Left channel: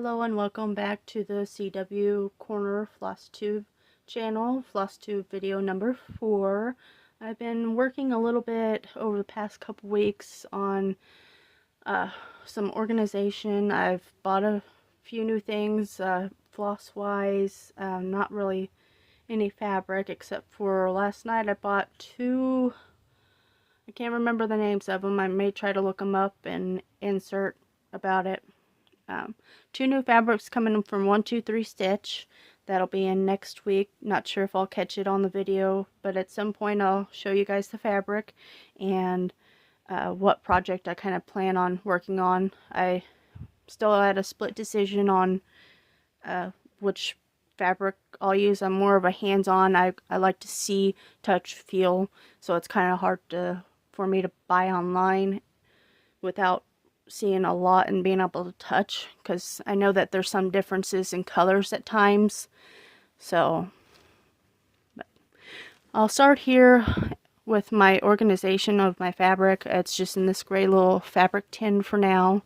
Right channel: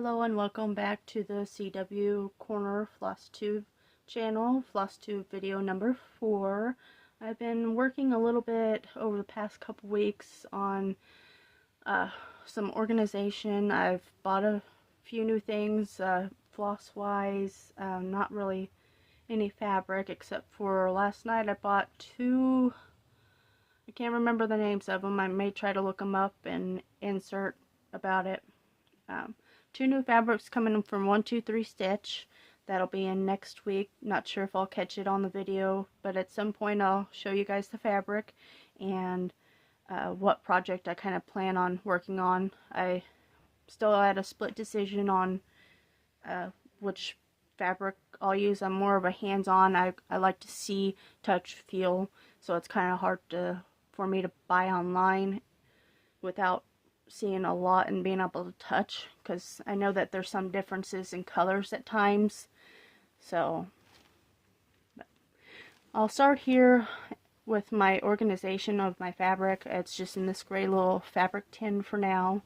Hello and welcome back to the CW Corner Flosstube channel, Flosstube video number 4. I've been working a little bit over the past couple weeks on some organization. I've bought a few new things, floss-wise, not really any fabric except for last night I bought two, I can't remember the names of them. I may try to look them up and insert about it. Two new fabrics coming from 123 Stitch. That'll be in next week. Not sure if I'll catch it on the video, but at some point I'll show you guys the fabric and what project I kind of plan on working on. I still had a split decision on which fabric I'll use. I'm more of a hands-on. I like to see, touch, feel, so it's kind of hard for me to buy online without seeing a lot and being able to touch, because I know that there's some differences in colors at times. So I'll start here with my organization of my fabric. It's just in this gray little fabric tin for now.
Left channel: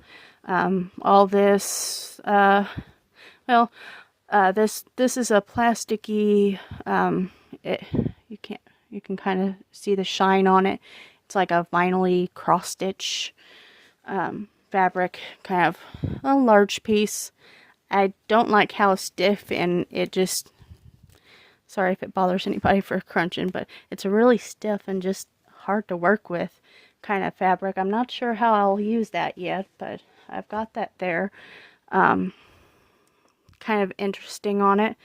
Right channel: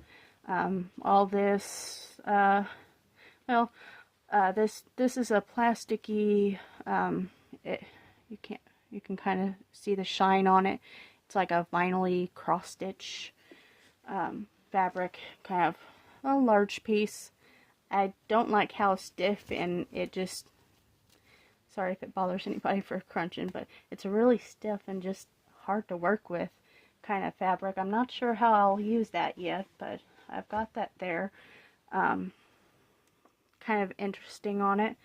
All this this is a plasticky, you can kind of see the shine on it. It's like a vinyl-y cross stitch fabric, kind of a large piece. I don't like how stiff, and it just, sorry if it bothers anybody for crunching, but it's a really stiff and just hard to work with kind of fabric. I'm not sure how I'll use that yet, but I've got that there. Kind of interesting on it.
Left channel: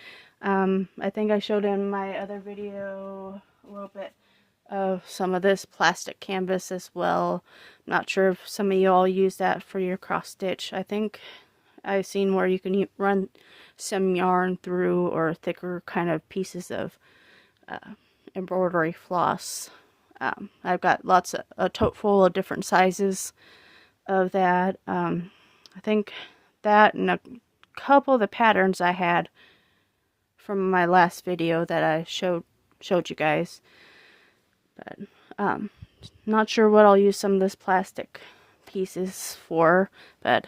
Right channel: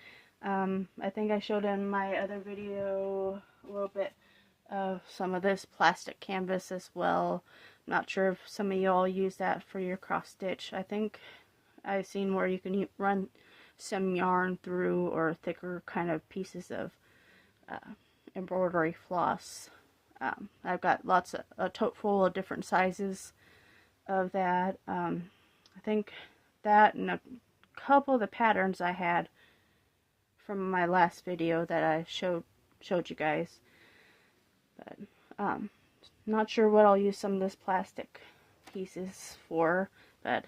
I think I showed in my other video a little bit of some of this plastic canvas as well. Not sure if some of y'all use that for your cross stitch. I think I've seen where you can run some yarn through, or thicker kind of pieces of embroidery floss. I've got a tote full of different sizes of that. I think that and a couple of the patterns I had from my last video that I showed you guys. But not sure what I'll use some of this plastic pieces for, but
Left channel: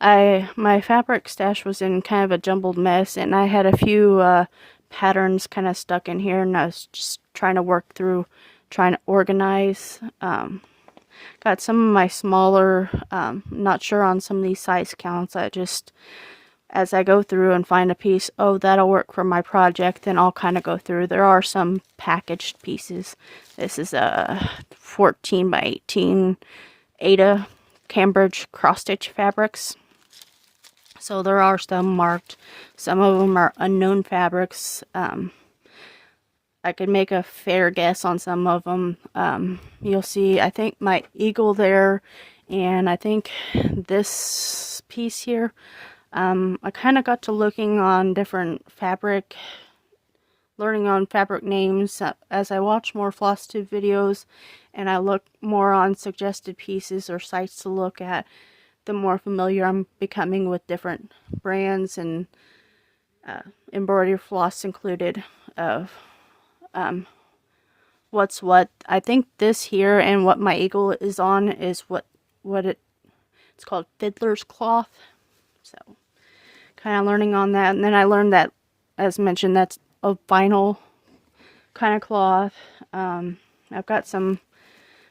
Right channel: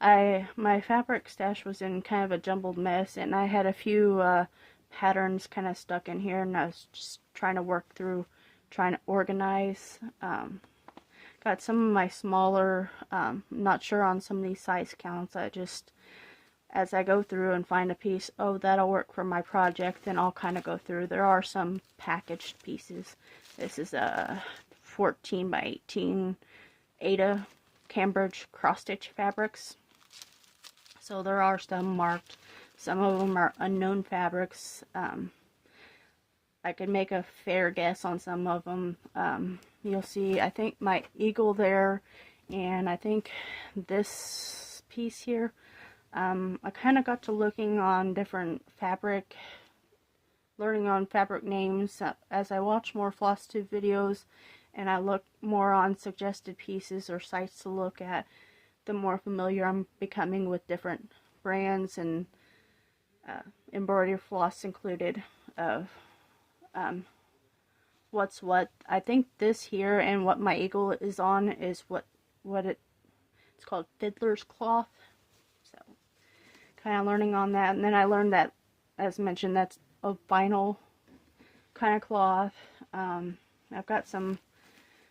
my fabric stash was in kind of a jumbled mess, and I had a few patterns kind of stuck in here, and I was just trying to work through, trying to organize. Got some of my smaller, not sure on some of these size counts. As I go through and find a piece, oh, that'll work for my project, then I'll kind of go through. There are some packaged pieces. This is a 14 by 18 Ada Cambridge cross stitch fabrics. So there are some marked. Some of them are unknown fabrics. I could make a fair guess on some of them. You'll see, I think my eagle there, and I think this piece here. I kind of got to looking on different fabric, learning on fabric names as I watch more Flosstube videos, and I look more on suggested pieces or sites to look at, the more familiar I'm becoming with different brands and embroidery floss included of what's what. I think this here and what my eagle is on is it's called fiddler's cloth. So kind of learning on that, and then I learned that, as mentioned, that's a vinyl kind of cloth. I've got some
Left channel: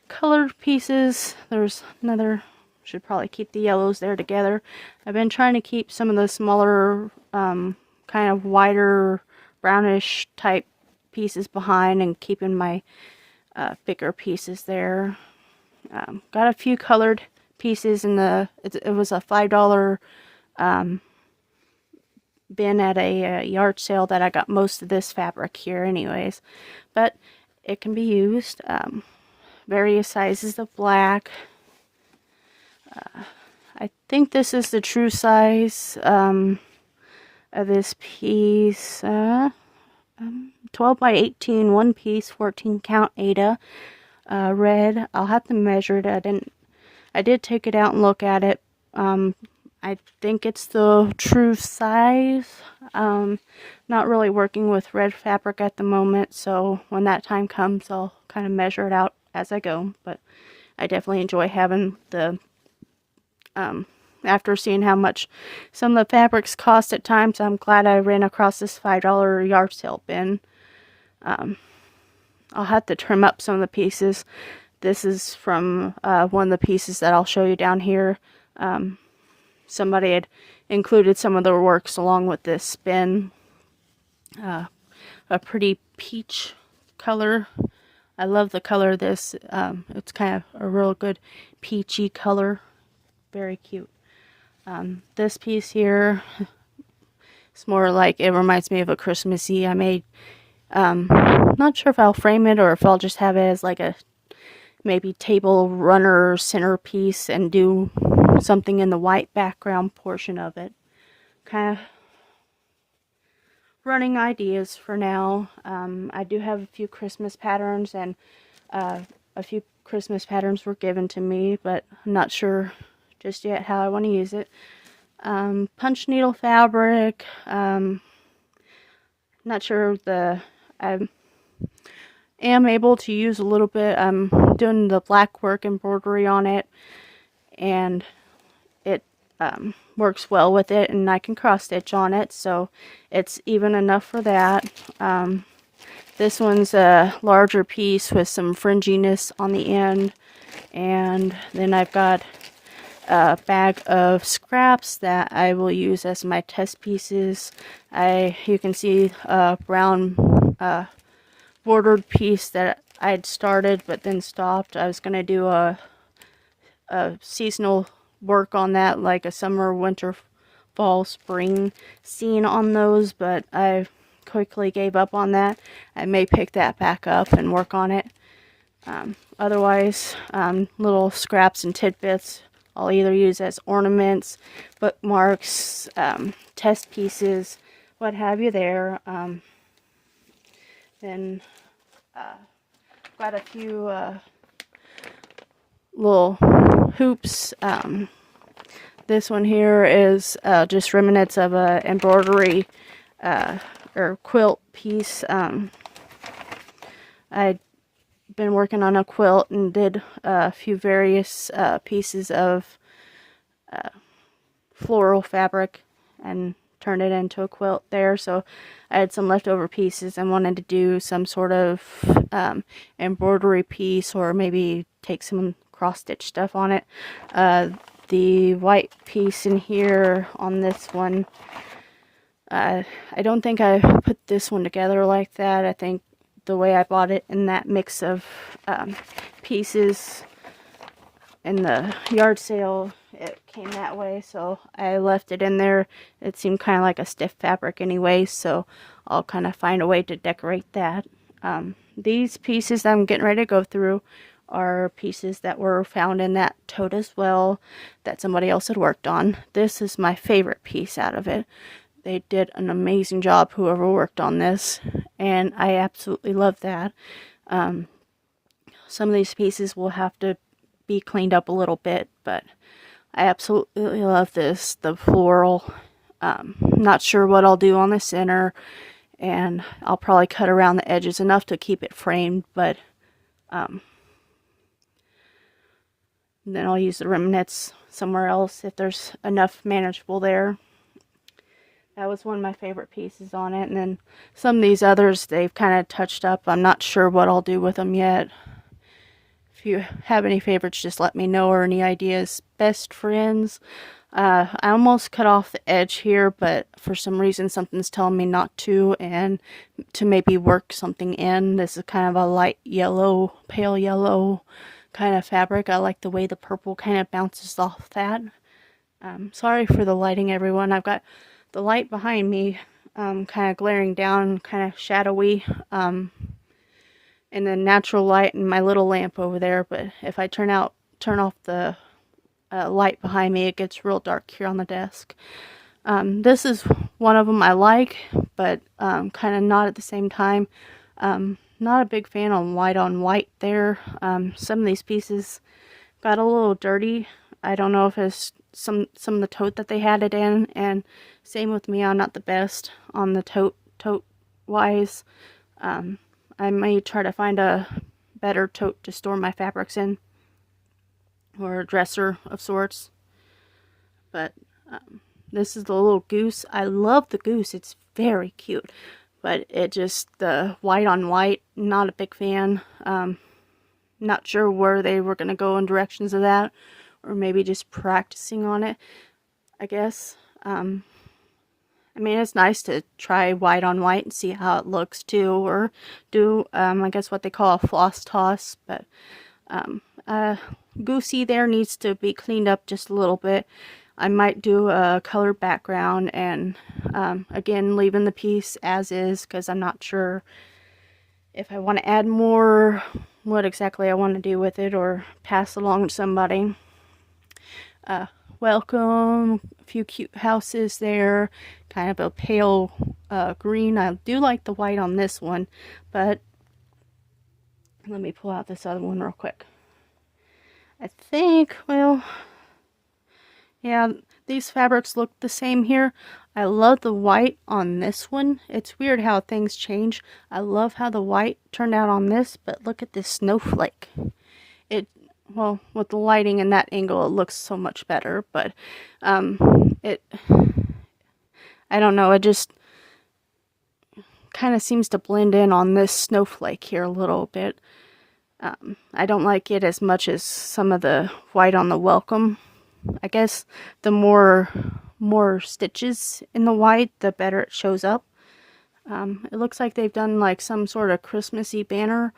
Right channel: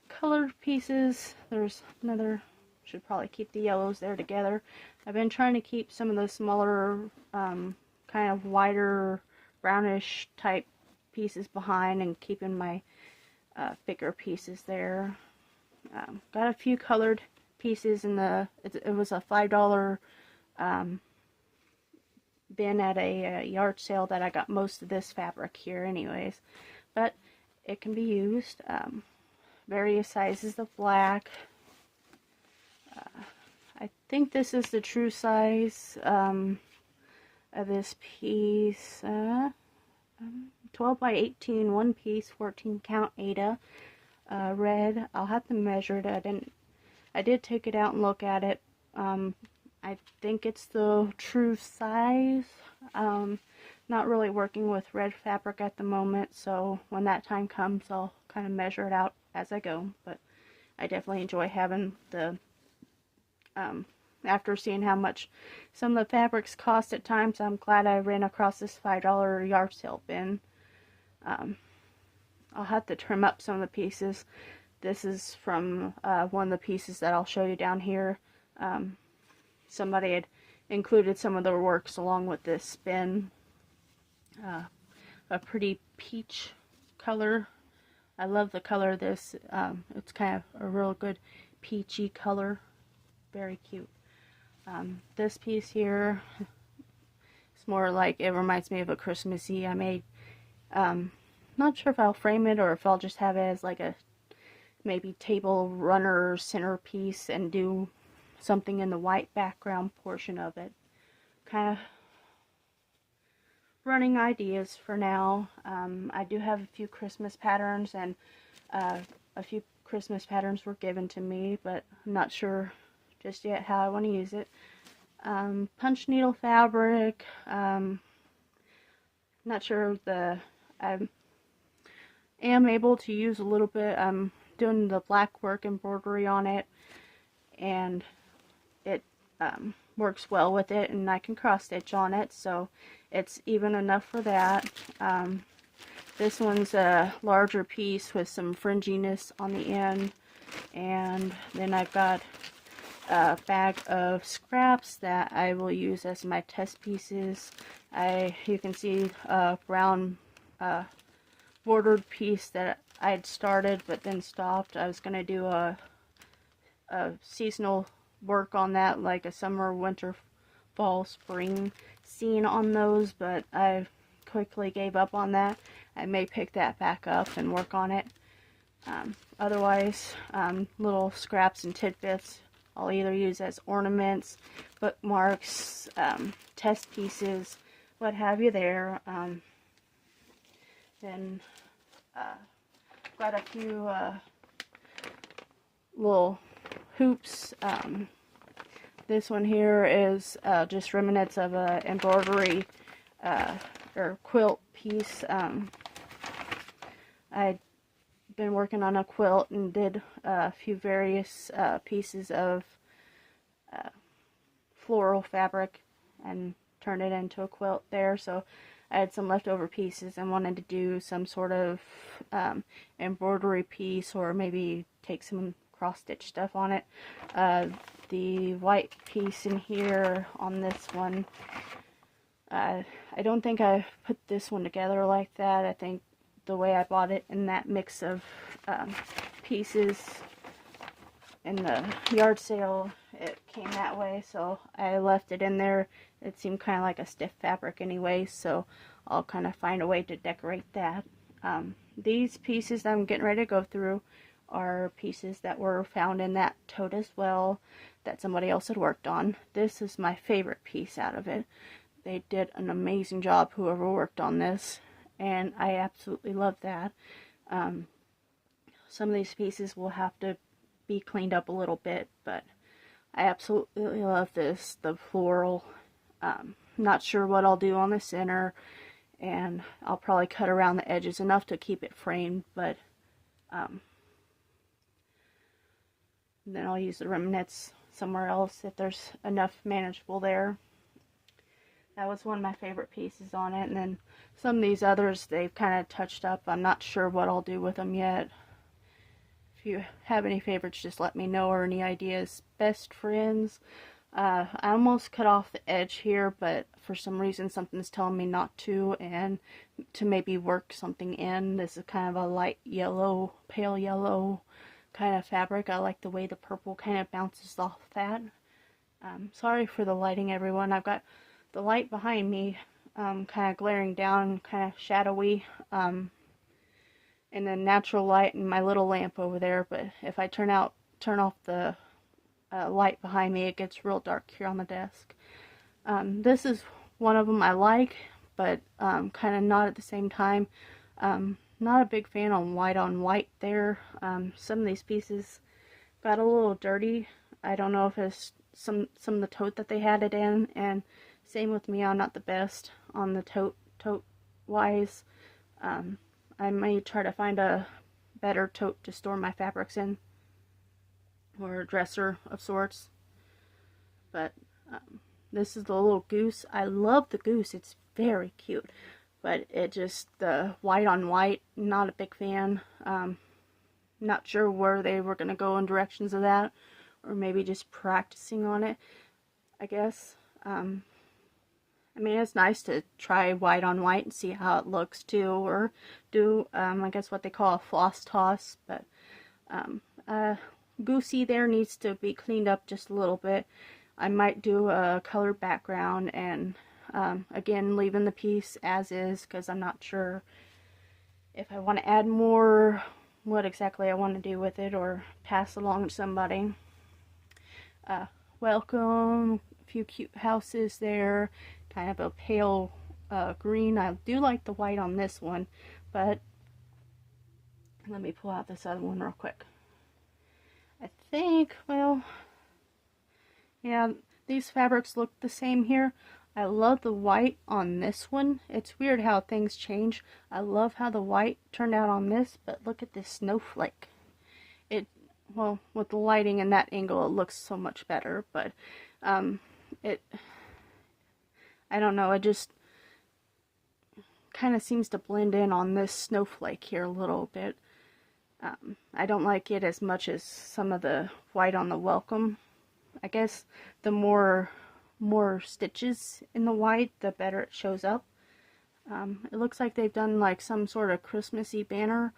colored pieces. There's another, should probably keep the yellows there together. I've been trying to keep some of the smaller, kind of wider brownish type pieces behind, and keeping my bigger pieces there. Got a few colored pieces in it was a $5 bin at a yard sale that I got most of this fabric here anyways, but it can be used. Various sizes of black. I think this is the true size of this piece. 12 by 18 one piece, 14 count Ada, red. I'll have to measure it. I did take it out and look at it. I think it's the true size. Not really working with red fabric at the moment, so when that time comes I'll kind of measure it out as I go. But I definitely enjoy having the after seeing how much some of the fabrics cost at times, I'm glad I ran across this $5 yard sale bin. I'll have to trim up some of the pieces. This is from one of the pieces that I'll show you down here. Somebody had included some of their works along with this bin. A pretty peach color. I love the color of this. It's kind of a real good peachy color. Very cute. This piece here, it's more like, it reminds me of a Christmassy I made. Not sure if I'll frame it or if I'll just have it as like a maybe table runner centerpiece and do something in the white background portion of it. Kind of running ideas for now. I do have a few Christmas patterns, and a few Christmas patterns were given to me, but I'm not sure just yet how I want to use it. Punch needle fabric. Not sure I am able to use a little bit. I'm doing the black work embroidery on it, and it works well with it, and I can cross stitch on it, so it's even enough for that. This one's a larger piece with some fringiness on the end, and then I've got a bag of scraps that I will use as my test pieces. You can see a brown bordered piece that I'd started but then stopped. I was going to do a seasonal work on that, like a summer, winter, fall, spring scene on those, but I quickly gave up on that. I may pick that back up and work on it. Otherwise, little scraps and tidbits I'll either use as ornaments, bookmarks, test pieces, what have you there. Then quite a few little hoops. This one here is just remnants of a embroidery or quilt piece. I'd been working on a quilt and did a few various pieces of floral fabric and turned it into a quilt there, so I had some leftover pieces and wanted to do some sort of embroidery piece, or maybe take some cross-stitch stuff on it. The white piece in here on this one, I don't think I put this one together like that. I think the way I bought it in that mix of pieces in the yard sale, it came that way, so I left it in there. It seemed kind of like a stiff fabric anyway, so I'll kind of find a way to decorate that. These pieces I'm getting ready to go through are pieces that were found in that tote as well, that somebody else had worked on. This is my favorite piece out of it. They did an amazing job, whoever worked on this, and I absolutely love that. Some of these pieces will have to be cleaned up a little bit, but I absolutely love this. The floral, not sure what I'll do on the center, and I'll probably cut around the edges enough to keep it framed, but then I'll use the remnants somewhere else if there's enough manageable there. That was one of my favorite pieces on it. And then some of these others, they've kind of touched up. I'm not sure what I'll do with them yet. If you have any favorites, just let me know, or any ideas. Best friends. I almost cut off the edge here, but for some reason something's telling me not to, and to maybe work something in. This is kind of a light yellow, pale yellow kind of fabric. I like the way the purple kind of bounces off that. Sorry for the lighting, everyone. I've got the light behind me kind of glaring down, kind of shadowy, and then natural light and my little lamp over there, but if I turn off the light behind me, it gets real dark here on the desk. This is one of them I like, but kind of not at the same time. Not a big fan on white there. Some of these pieces got a little dirty. I don't know if it's some of the tote that they had it in, and same with me, I'm not the best on the tote wise. I may try to find a better tote to store my fabrics in, or a dresser of sorts. But this is the little goose. I love the goose. It's very cute. But it just, the white on white, not a big fan. Not sure where they were going to go in directions of that. Or maybe just practicing on it, I guess. I mean, it's nice to try white on white and see how it looks too. Or do, I guess what they call a floss toss. But Goosey there needs to be cleaned up just a little bit. I might do a colored background and again leaving the piece as is, because I'm not sure if I want to add more, what exactly I want to do with it, or pass along to somebody. Welcome, a few cute houses there, kind of a pale green. I do like the white on this one, but let me pull out this other one real quick. I think, well, yeah, these fabrics look the same here. I love the white on this one. It's weird how things change. I love how the white turned out on this, but look at this snowflake. Well, with the lighting in that angle, it looks so much better, but I don't know, it just kind of seems to blend in on this snowflake here a little bit. I don't like it as much as some of the white on the welcome. I guess the more stitches in the white, the better it shows up. It looks like they've done like some sort of Christmassy banner.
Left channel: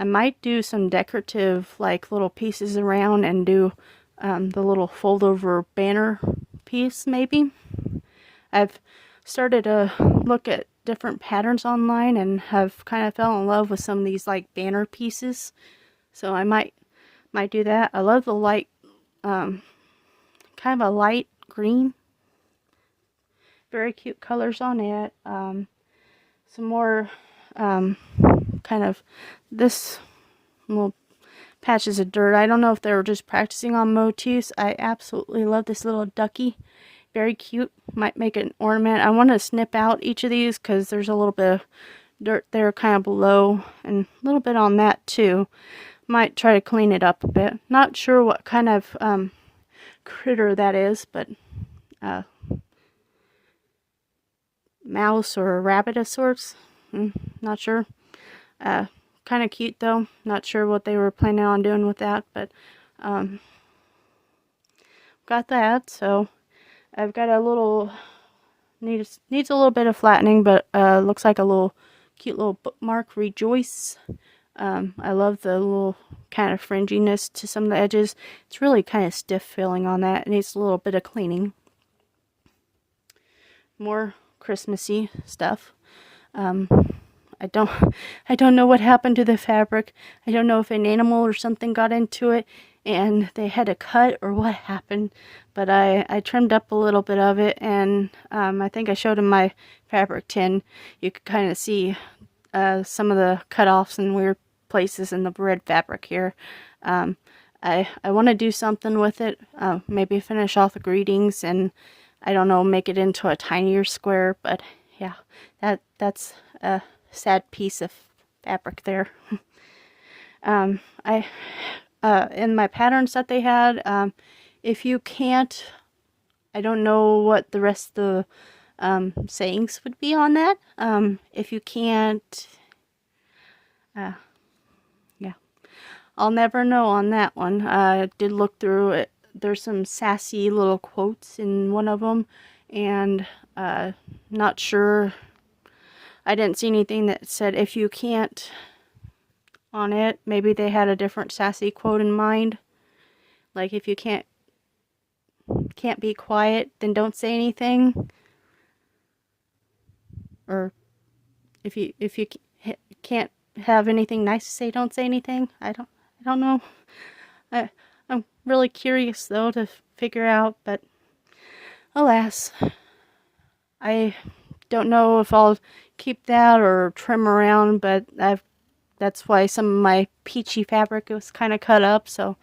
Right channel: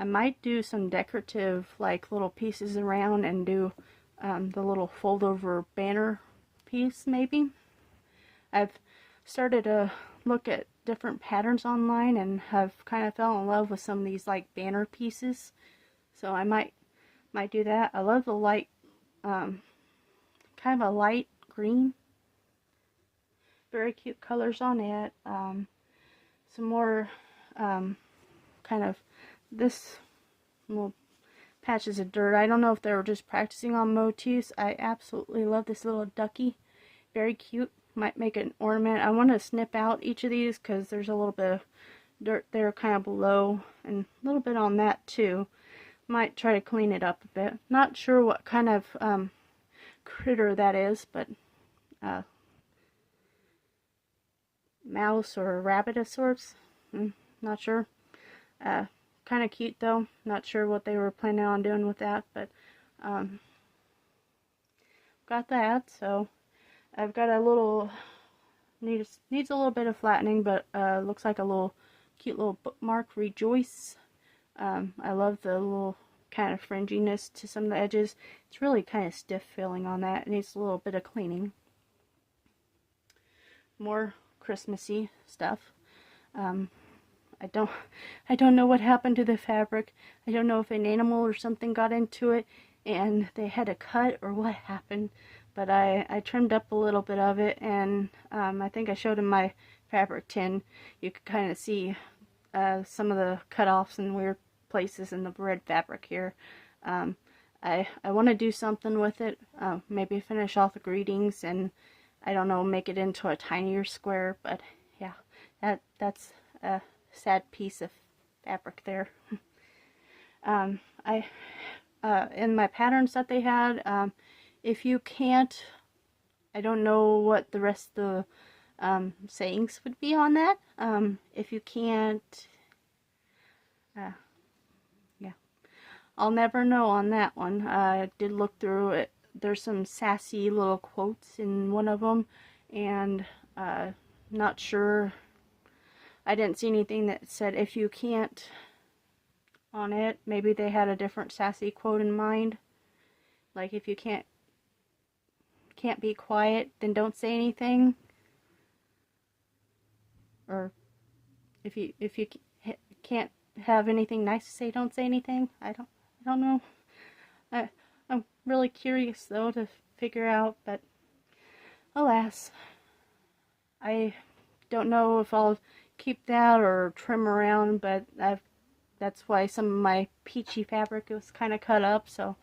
I might do some decorative like little pieces around and do the little fold over banner piece maybe. I've started to look at different patterns online and have kind of fell in love with some of these like banner pieces. So I might do that. I love the light, kind of a light green. Very cute colors on it. Some more kind of this little patches of dirt. I don't know if they were just practicing on motifs. I absolutely love this little ducky. Very cute. Might make an ornament. I want to snip out each of these because there's a little bit of dirt there kind of below and a little bit on that too. Might try to clean it up a bit. Not sure what kind of critter that is, but mouse or a rabbit of sorts. Not sure. Kind of cute though. Not sure what they were planning on doing with that, but got that. So I've got a little needs a little bit of flattening, but looks like a little cute little bookmark. Rejoice. I love the little kind of fringiness to some of the edges. It's really kind of stiff feeling on that. It needs a little bit of cleaning. More Christmassy stuff. I don't know what happened to the fabric. I don't know if an animal or something got into it and they had to cut or what happened, but I trimmed up a little bit of it, and I think I showed in my fabric tin. You could kind of see some of the cutoffs in weird places in the red fabric here. I want to do something with it, maybe finish off the greetings and I don't know, make it into a tinier square, but yeah, that's a sad piece of fabric there. In my patterns that they had, if you can't, I don't know what the rest of the sayings would be on that. If you can't, yeah, I'll never know on that one. I did look through it. There's some sassy little quotes in one of them, and not sure. I didn't see anything that said if you can't on it. Maybe they had a different sassy quote in mind. Like if you can't be quiet, then don't say anything. Or if you can't have anything nice to say, don't say anything. I don't know. I'm really curious though to figure out, but alas, I don't know if I'll keep that or trim around, but that's why some of my peachy fabric was kind of cut up, so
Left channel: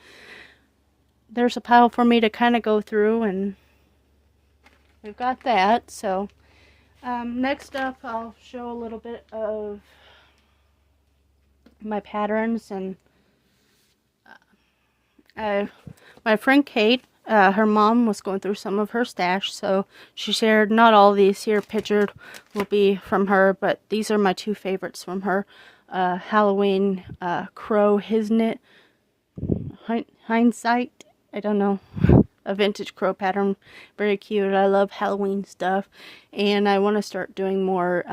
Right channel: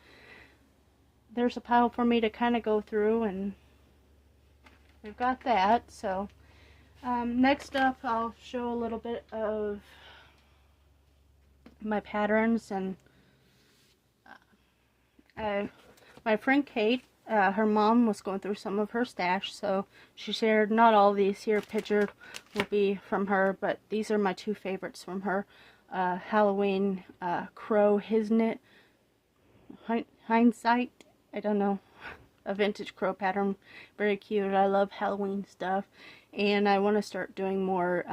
there's a pile for me to kind of go through, and we've got that. So next up I'll show a little bit of my patterns, and my friend Kate her mom was going through some of her stash, so she shared. Not all these here pictured will be from her, but these are my two favorites from her. Halloween crow hisnit hindsight. I don't know. A vintage crow pattern. Very cute. I love Halloween stuff. And I want to start doing more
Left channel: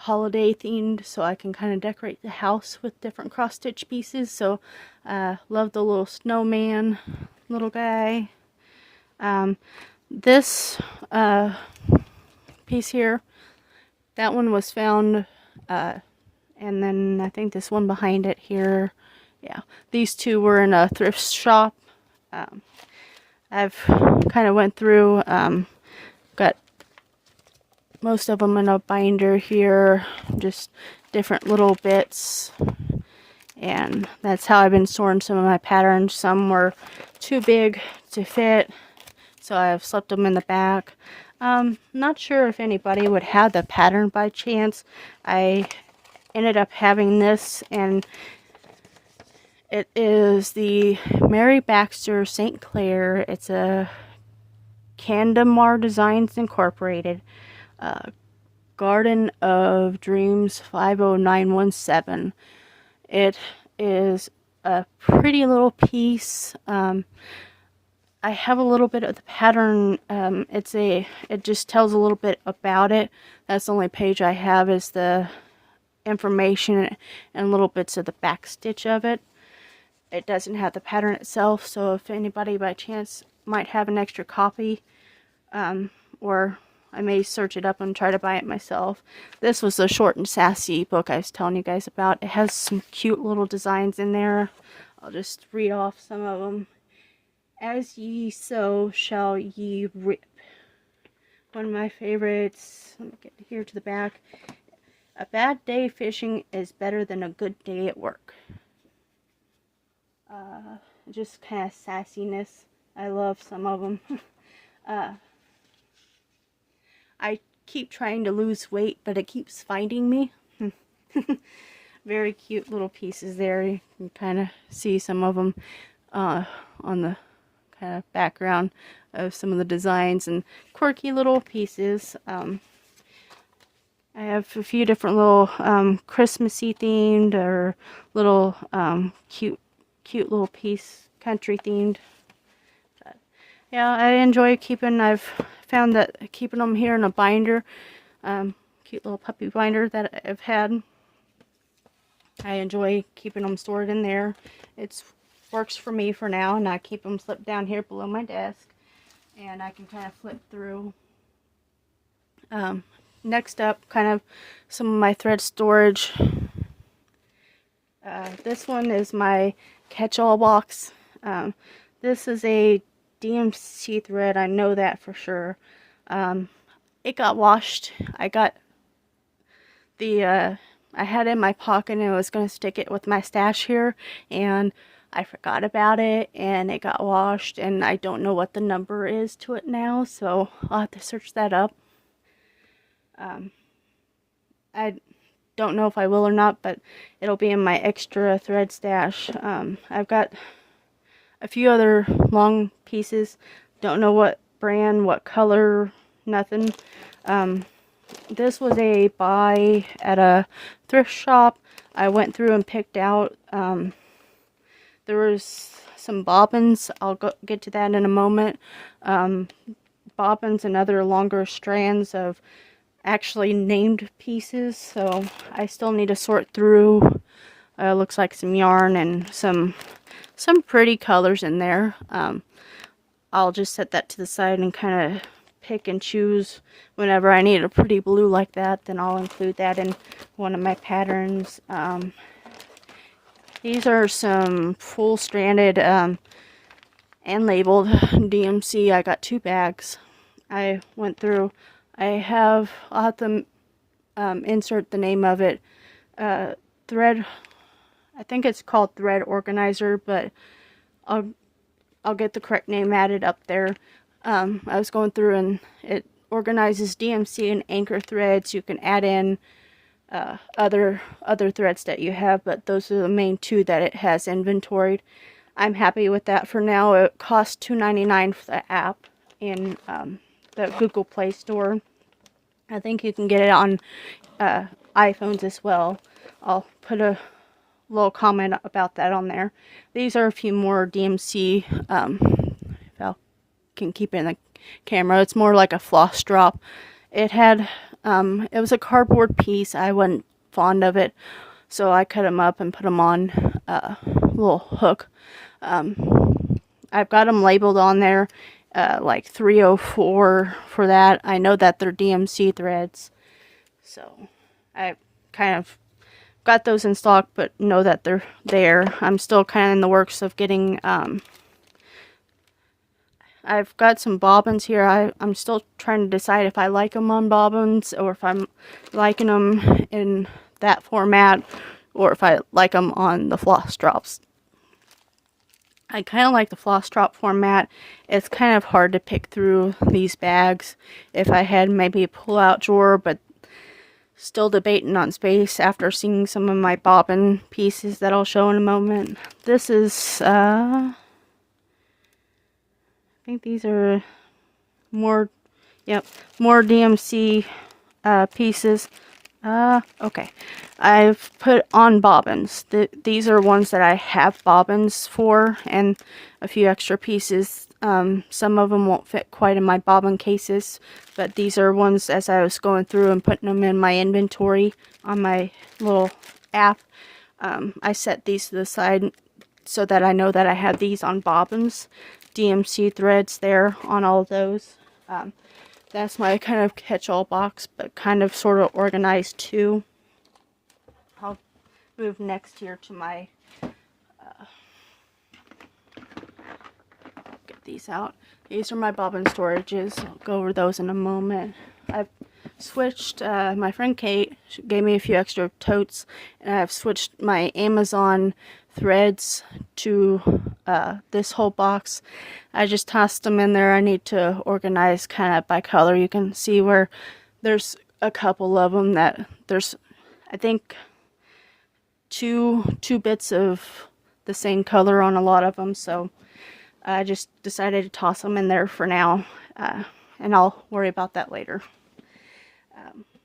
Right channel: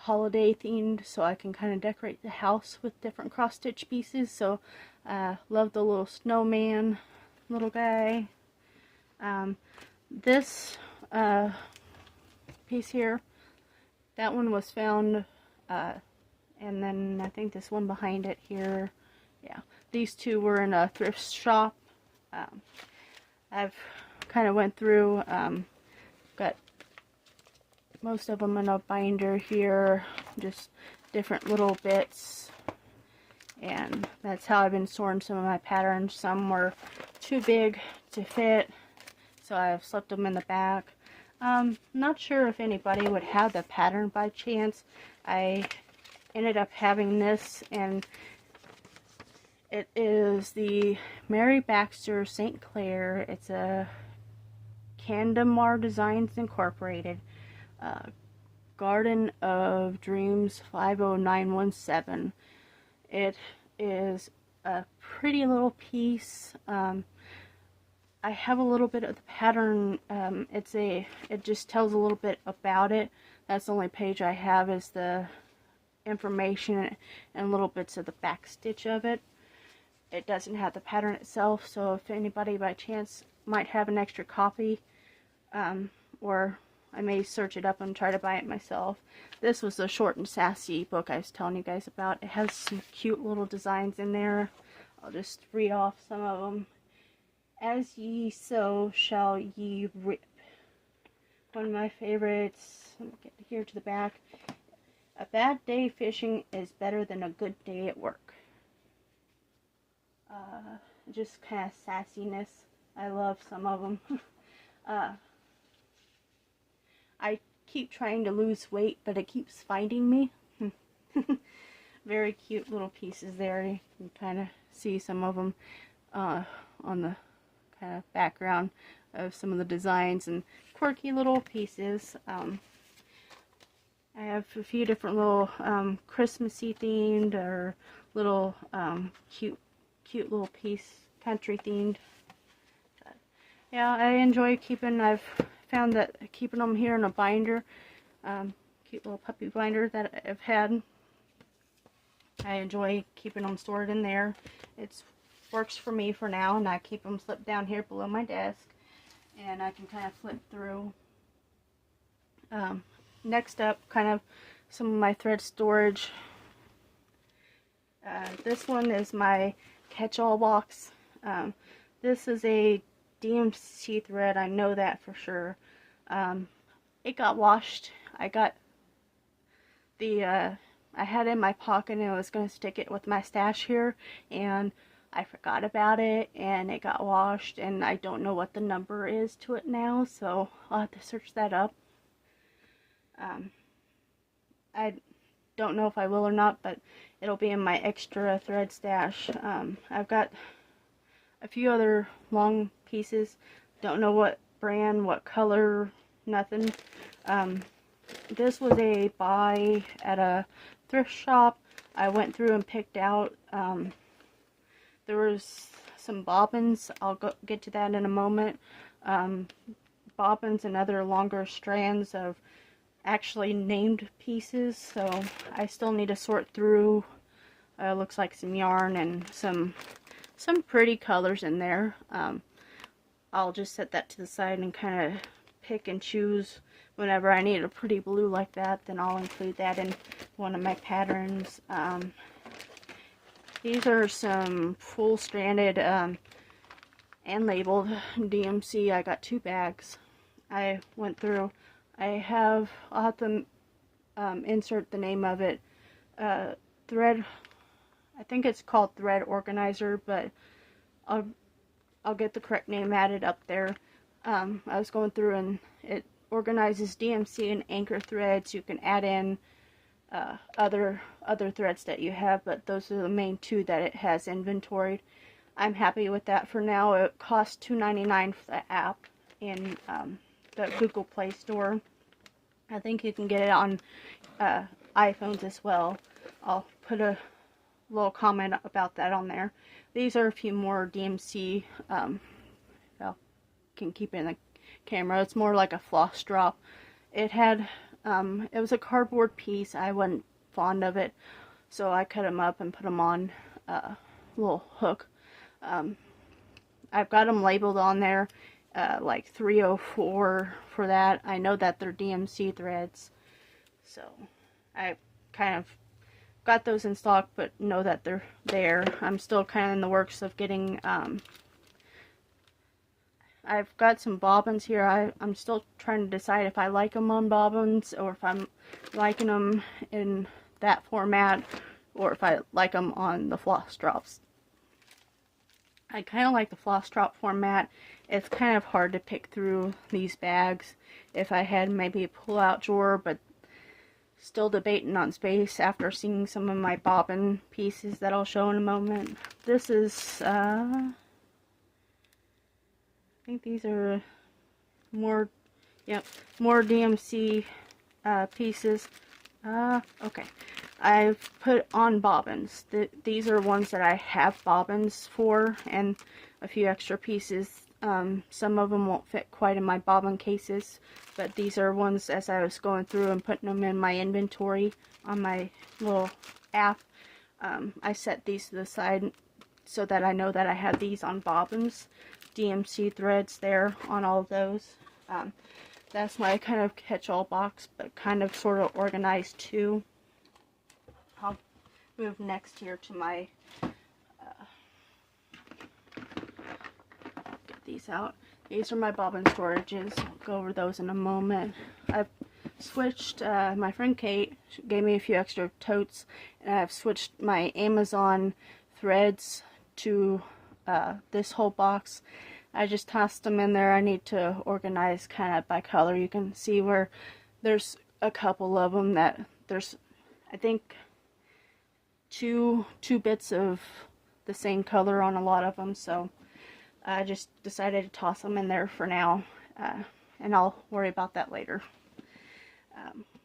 holiday themed, so I can kind of decorate the house with different cross stitch pieces. So love the little snowman little guy. This piece here, that one was found, and then I think this one behind it here, yeah, these two were in a thrift shop. I've kind of went through, got most of them in a binder here, just different little bits, and that's how I've been storing some of my patterns. Some were too big to fit, so I've slipped them in the back. Not sure if anybody would have the pattern by chance. I ended up having this, and it is the Mary Baxter St. Clair. It's a Candamar Designs Incorporated. Garden of Dreams 50917. It is a pretty little piece. I have a little bit of the pattern. It just tells a little bit about it. That's the only page I have, is the information and little bits of the back stitch of it. It doesn't have the pattern itself, so if anybody by chance might have an extra copy, or I may search it up and try to buy it myself. This was the Short and Sassy book I was telling you guys about. It has some cute little designs in there. I'll just read off some of them. As ye sow, shall ye reap. One of my favorites. Let me get here to the back. A bad day fishing is better than a good day at work. Just kind of sassiness. I love some of them. I keep trying to lose weight, but it keeps finding me. Very cute little pieces there. You can kind of see some of them on the kind of background of some of the designs, and quirky little pieces. I have a few different little Christmassy themed, or little cute little piece, country themed. But yeah, I enjoy keeping. I've found that keeping them here in a binder, cute little puppy binder that I've had, I enjoy keeping them stored in there. It works for me for now, and I keep them slipped down here below my desk, and I can kind of flip through. Next up, kind of some of my thread storage. This one is my catch-all box. This is a DMC thread, I know that for sure. It got washed. I got the I had it in my pocket, and I was going to stick it with my stash here, and I forgot about it, and it got washed, and I don't know what the number is to it now, so I'll have to search that up. I don't know if I will or not, but it'll be in my extra thread stash. I've got a few other long pieces. Don't know what brand, what color, nothing. This was a buy at a thrift shop. I went through and picked out, there was some bobbins. I'll get to that in a moment. Bobbins and other longer strands of actually named pieces, so I still need to sort through. Looks like some yarn and some pretty colors in there. I'll just set that to the side and kind of pick and choose. Whenever I need a pretty blue like that, then I'll include that in one of my patterns. These are some full stranded and labeled DMC. I got 2 bags. I went through. I'll have to insert the name of it. Thread, I think it's called Thread Organizer, but I'll get the correct name added up there. I was going through, and it organizes DMC and anchor threads. You can add in other threads that you have, but those are the main 2 that it has inventoried. I'm happy with that for now. It costs $2.99 for the app in the Google Play Store. I think you can get it on iPhones as well. I'll put a little comment about that on there. These are a few more DMC, if I can keep it in the camera. It's more like a floss drop. It had, it was a cardboard piece. I wasn't fond of it, so I cut them up and put them on a little hook. I've got them labeled on there, like 304 for that. I know that they're DMC threads, so I kind of got those in stock, but know that they're there. I'm still kind of in the works of getting, I've got some bobbins here. I'm still trying to decide if I like them on bobbins, or if I'm liking them in that format, or if I like them on the floss drops. I kind of like the floss drop format. It's kind of hard to pick through these bags. If I had maybe a pull-out drawer, but still debating on space after seeing some of my bobbin pieces that I'll show in a moment. This is, I think these are more, yep, more DMC pieces. Okay. I've put on bobbins. These are ones that I have bobbins for, and a few extra pieces. Some of them won't fit quite in my bobbin cases, but these are ones as I was going through and putting them in my inventory on my little app. I set these to the side so that I know that I have these on bobbins. DMC threads there on all of those. That's my kind of catch-all box, but kind of sort of organized too. I'll move next here to my, get these out. These are my bobbin storages. I'll go over those in a moment. I've switched, my friend Kate gave me a few extra totes, and I've switched my Amazon threads to this whole box. I just tossed them in there. I need to organize kind of by color. You can see where there's a couple of them that there's, I think, two bits of the same color on a lot of them, so I just decided to toss them in there for now, and I'll worry about that later.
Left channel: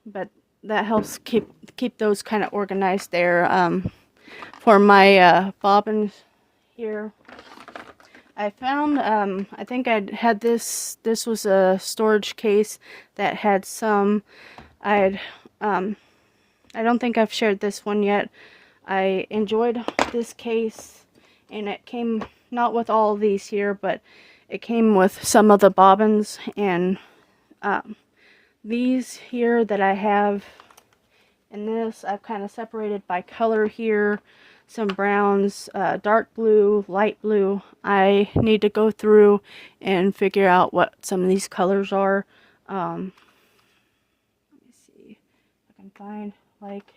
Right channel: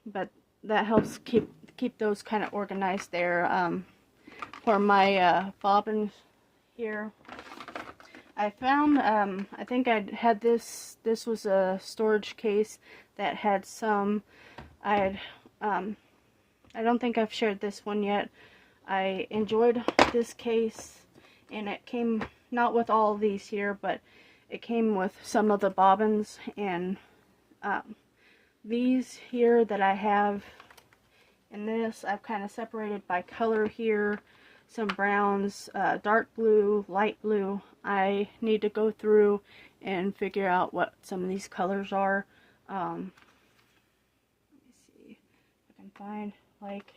But that helps keep those kind of organized there. For my bobbins here, I found, I think I had this was a storage case that had some, I don't think I've shared this one yet. I enjoyed this case, and it came not with all of these here, but it came with some of the bobbins, and these here that I have in this, I've kind of separated by color here. Some browns, dark blue, light blue. I need to go through and figure out what some of these colors are. Let me see if I can find, like,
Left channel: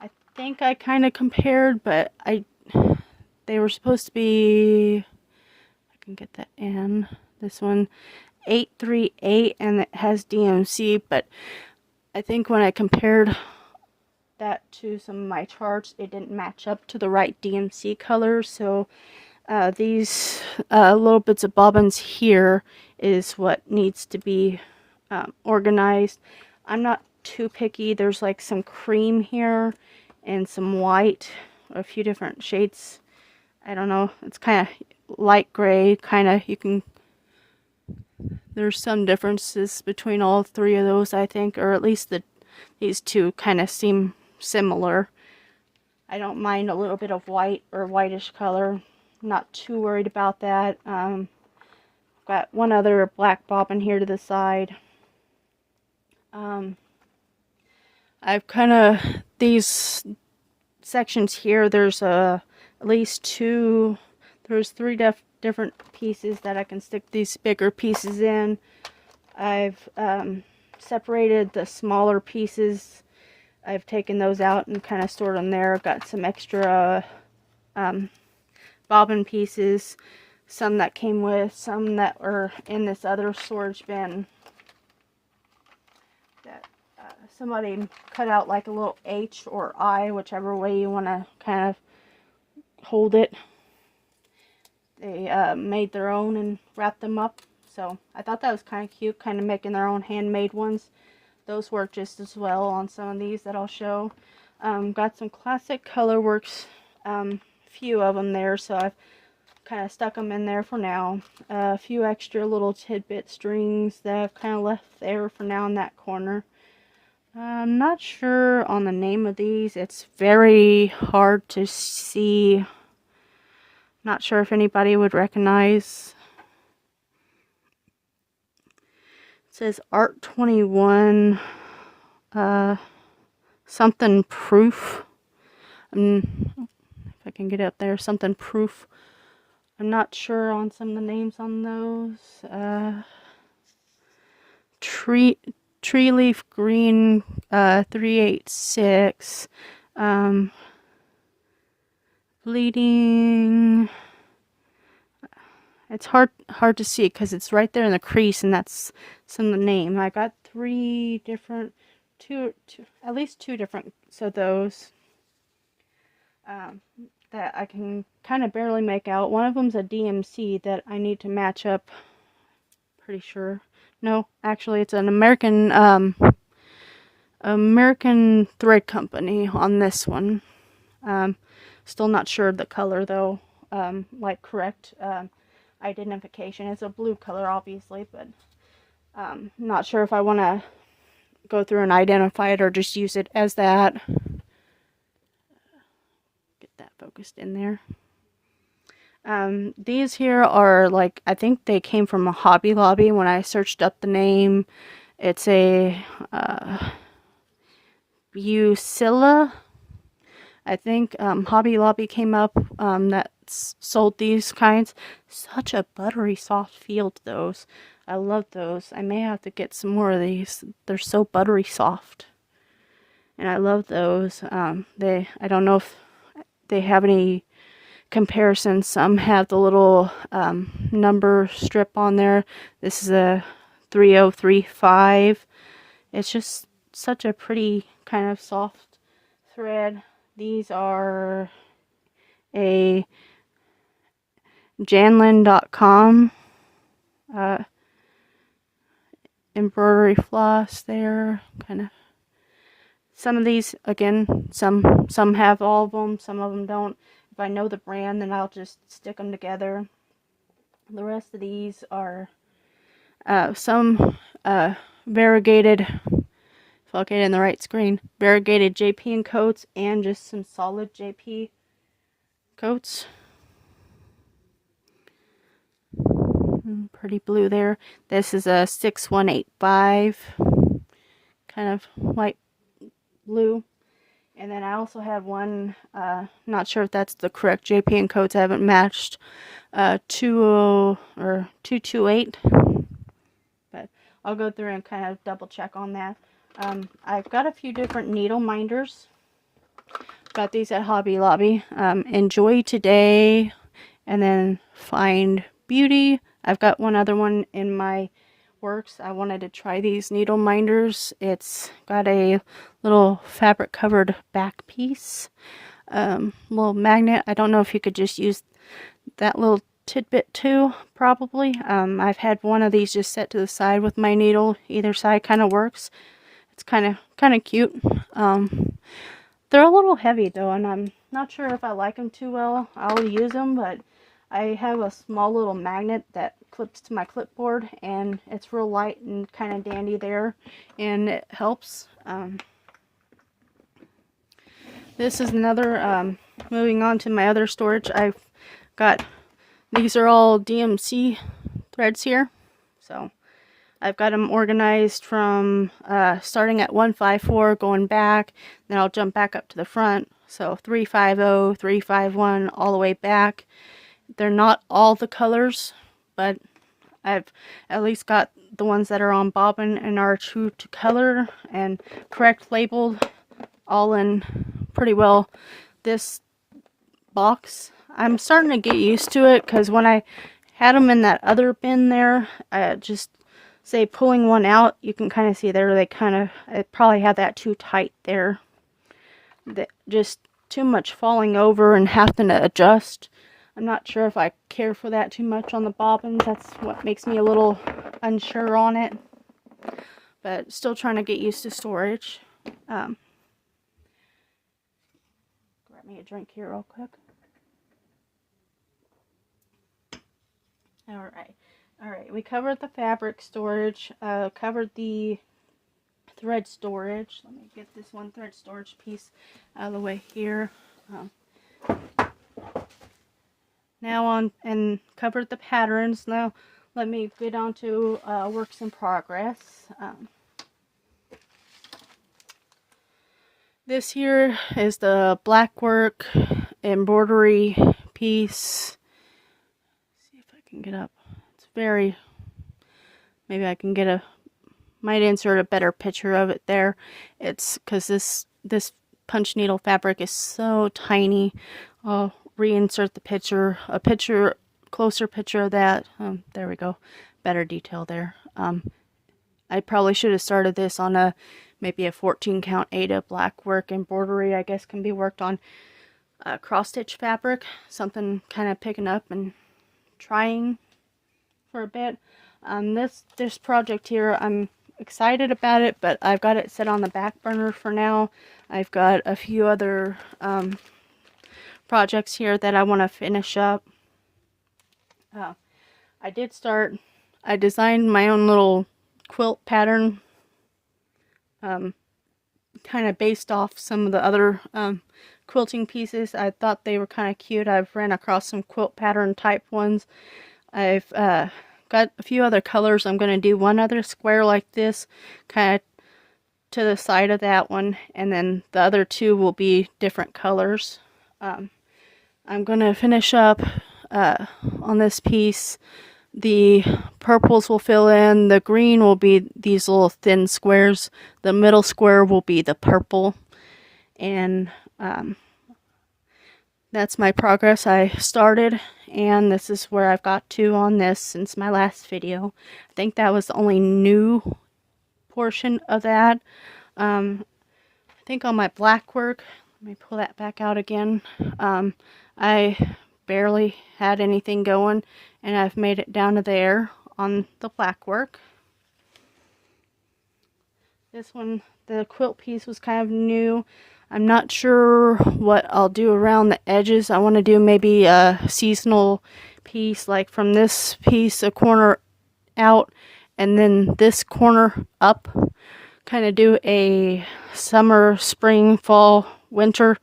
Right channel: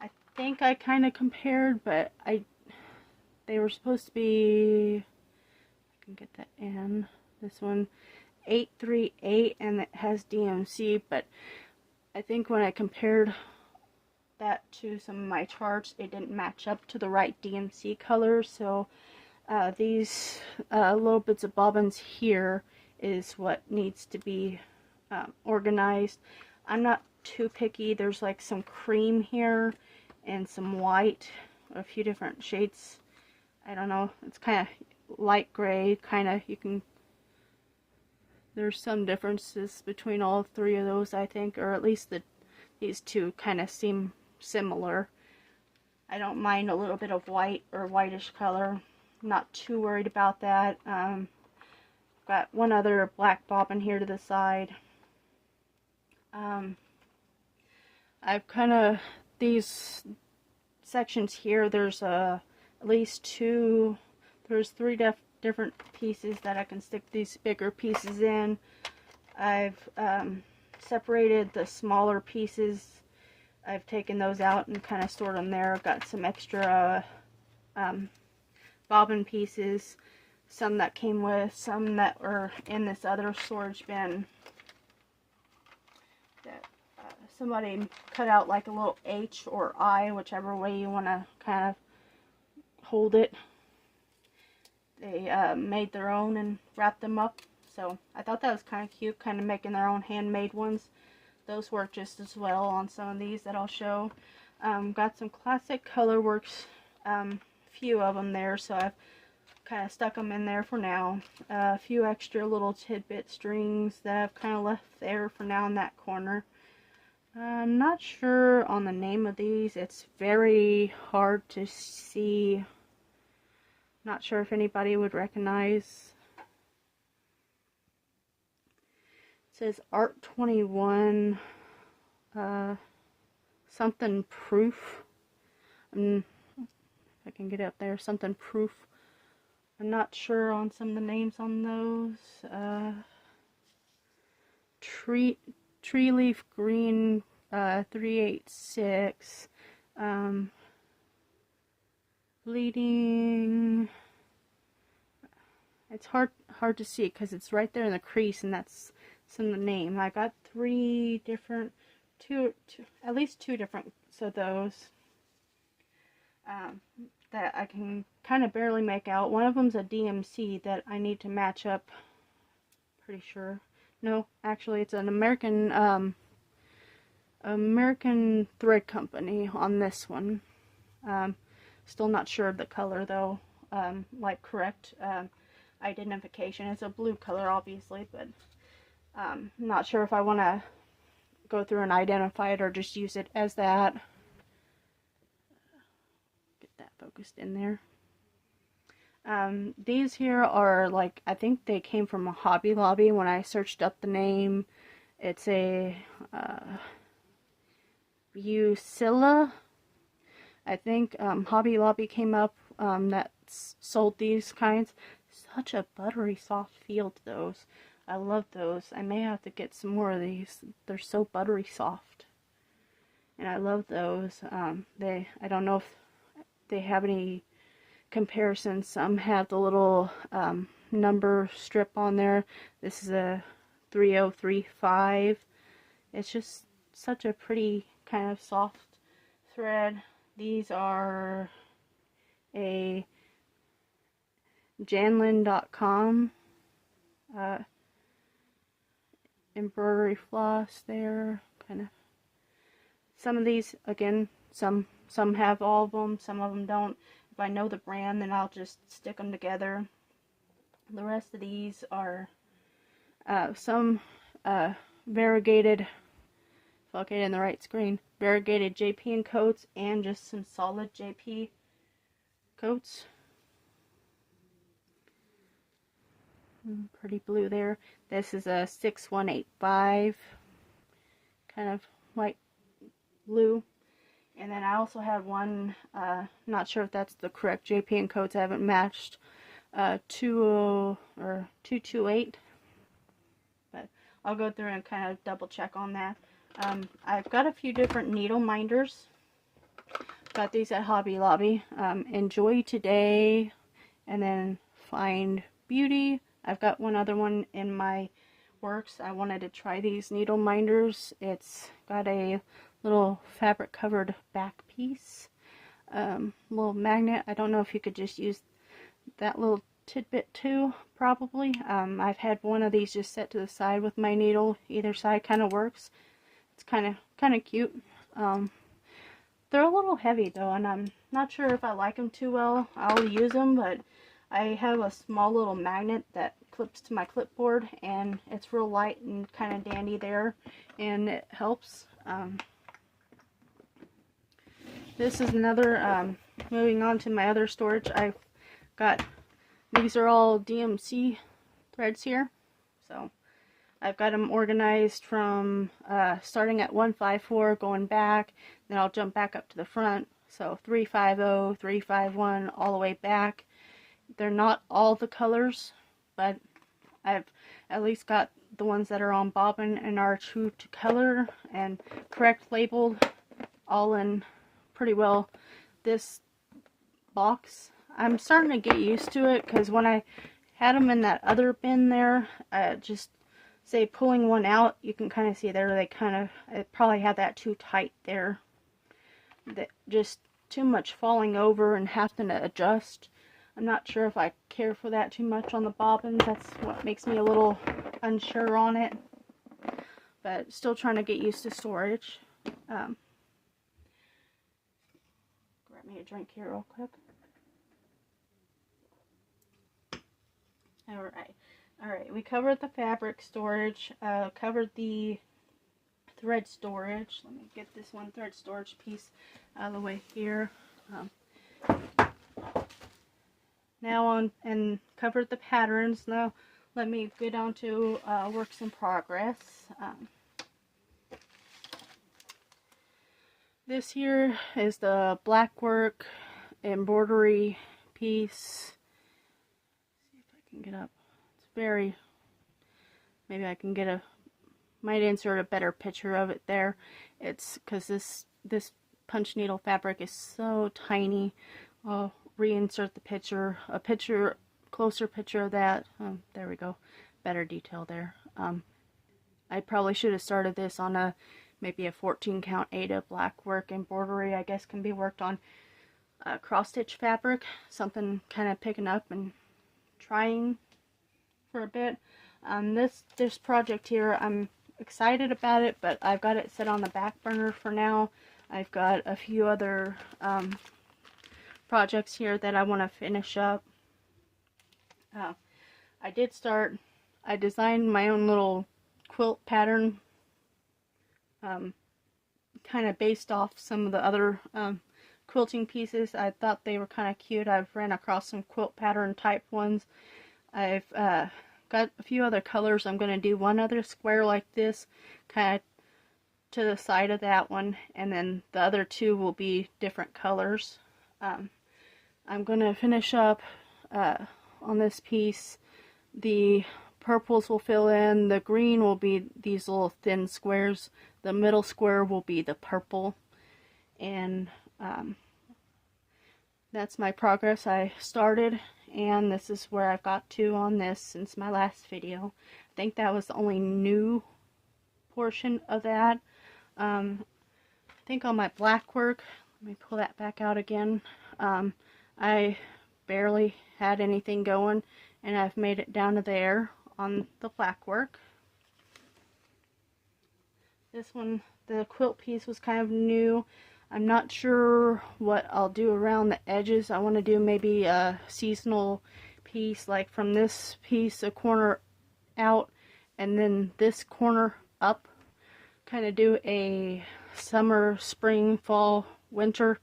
I think I kind of compared, but they were supposed to be, I can get that in, this one, 838, and it has DMC, but I think when I compared that to some of my charts, it didn't match up to the right DMC color, so these little bits of bobbins here is what needs to be organized. I'm not too picky. There's like some cream here and some white, a few different shades. I don't know, it's kind of light gray, kind of, you can, there's some differences between all three of those, I think, or at least these two kind of seem similar. I don't mind a little bit of white or whitish color. I'm not too worried about that. Got one other black bobbin here to the side. I've kind of, these sections here, there's at least two, there's three different pieces that I can stick these bigger pieces in. I've separated the smaller pieces. I've taken those out and kind of stored them there. I've got some extra bobbin pieces, some that came with, some that were in this other storage bin that somebody cut out like a little H or I, whichever way you want to kind of hold it. they made their own and wrapped them up. So I thought that was kind of cute, kind of making their own handmade ones. Those work just as well on some of these that I'll show. Got some classic colorworks, few of them there, so I've kind of stuck them in there for now. A few extra little tidbit strings that I've kind of left there for now in that corner. I'm not sure on the name of these. It's very hard to see. Not sure if anybody would recognize. It says Art 21 something proof. If I can get up there, something proof. I'm not sure on some of the names on those. Tree leaf green 386. Bleeding. It's hard to see because it's right there in the crease, and that's some of the name. I got three different, at least two different of those that I can kind of barely make out. One of them's a DMC that I need to match up. Pretty sure. No, actually, it's an American thread company on this one. Still not sure the color though. Like correct identification. It's a blue color, obviously, but not sure if I want to go through and identify it or just use it as that. Get that focused in there. These here are like, I think they came from a Hobby Lobby when I searched up the name. It's a Bucilla. I think Hobby Lobby came up that sold these kinds. Such a buttery soft feel to those. I love those. I may have to get some more of these. They're so buttery soft. And I love those. I don't know if they have any comparison. Some have the little number strip on there. This is a 3035. It's just such a pretty kind of soft thread. These are a janlin.com embroidery floss there. Kind of. Some of these, again, some have all of them, some of them don't. If I know the brand, then I'll just stick them together. The rest of these are some variegated, if I'll get in the right screen, variegated JP and coats, and just some solid JP coats. Pretty blue there. This is a 6185, kind of light blue. And then I also had one, not sure if that's the correct JP and coats, I haven't matched, 228, but I'll go through and kind of double check on that. I've got a few different needle minders. Got these at Hobby Lobby. Enjoy Today, and then Find Beauty. I've got one other one in my works. I wanted to try these needle minders. It's got a little fabric covered back piece, little magnet. I don't know if you could just use that little tidbit too, probably. I've had one of these just set to the side with my needle. Either side kind of works. It's kind of cute. They're a little heavy though, and I'm not sure if I like them too well. I'll use them, but I have a small little magnet that clips to my clipboard, and it's real light and kind of dandy there, and it helps. This is another, moving on to my other storage. I've got, these are all DMC threads here, so I've got them organized from starting at 154, going back, then I'll jump back up to the front, so 350, 351, all the way back. They're not all the colors, but I've at least got the ones that are on bobbin and are true to color and correct labeled, all in pretty well this box. I'm starting to get used to it, because when I had them in that other bin there, just say pulling one out, you can kind of see there they I probably had that too tight there. That just too much falling over and having to adjust. I'm not sure if I care for that too much on the bobbins. That's what makes me a little unsure on it. But still trying to get used to storage. Grab me a drink here real quick. Alright, we covered the fabric storage, covered the thread storage. Let me get this one thread storage piece out of the way here. Now on, and covered the patterns. Now let me get on to works in progress. This here is the black work embroidery piece. See if I can get up. It's very, maybe I can get might insert a better picture of it there. It's because this punch needle fabric is so tiny. I'll reinsert the picture, closer picture of that. There we go, better detail there. I probably should have started this on maybe a 14 count Ada black work embroidery. I guess can be worked on cross stitch fabric, something kind of picking up and trying for a bit. This project here, I'm excited about it, but I've got it set on the back burner for now. I've got a few other projects here that I want to finish up. I designed my own little quilt pattern, kind of based off some of the other quilting pieces. I thought they were kind of cute. I've ran across some quilt pattern type ones. I've got a few other colors. I'm going to do one other square like this, kind of to the side of that one, and then the other two will be different colors. I'm going to finish up on this piece. The purples will fill in, the green will be these little thin squares, the middle square will be the purple, and that's my progress. I started, and this is where I've got to on this since my last video. I think that was the only new portion of that. I think on my black work, let me pull that back out again, I barely had anything going, and I've made it down to there on the black work. This one, the quilt piece, was kind of new. I'm not sure what I'll do around the edges. I want to do maybe a seasonal piece, like from this piece, a corner out, and then this corner up. Kind of do a summer, spring, fall, winter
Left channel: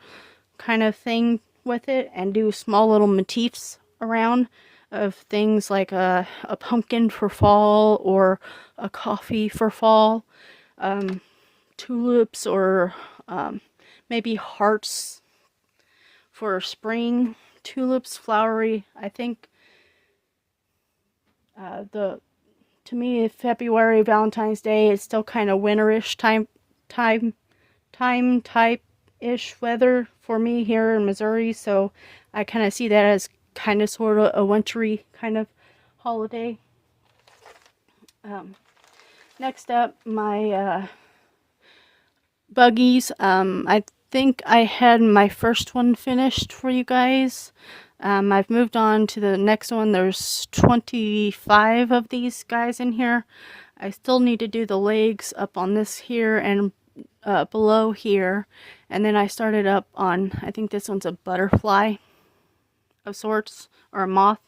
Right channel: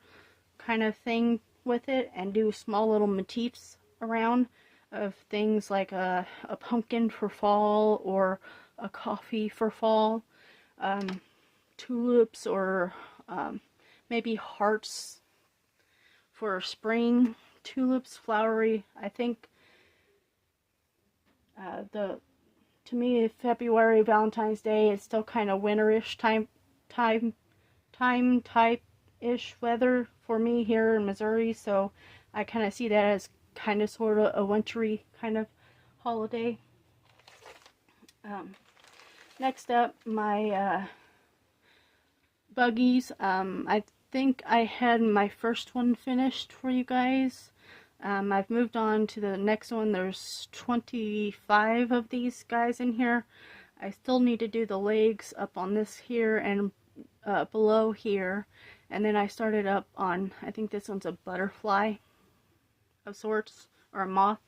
kind of thing with it, and do small little motifs around of things like a pumpkin for fall, or a coffee for fall, tulips, or maybe hearts for spring, tulips, flowery. I think to me, February, Valentine's Day is still kind of winterish type-ish weather for me here in Missouri, so I kind of see that as kind of sort of a wintry kind of holiday. Next up, my buggies. I think I had my first one finished for you guys. I've moved on to the next one. There's 25 of these guys in here. I still need to do the legs up on this here and below here, and then I started up on, I think this one's a butterfly of sorts, or a moth.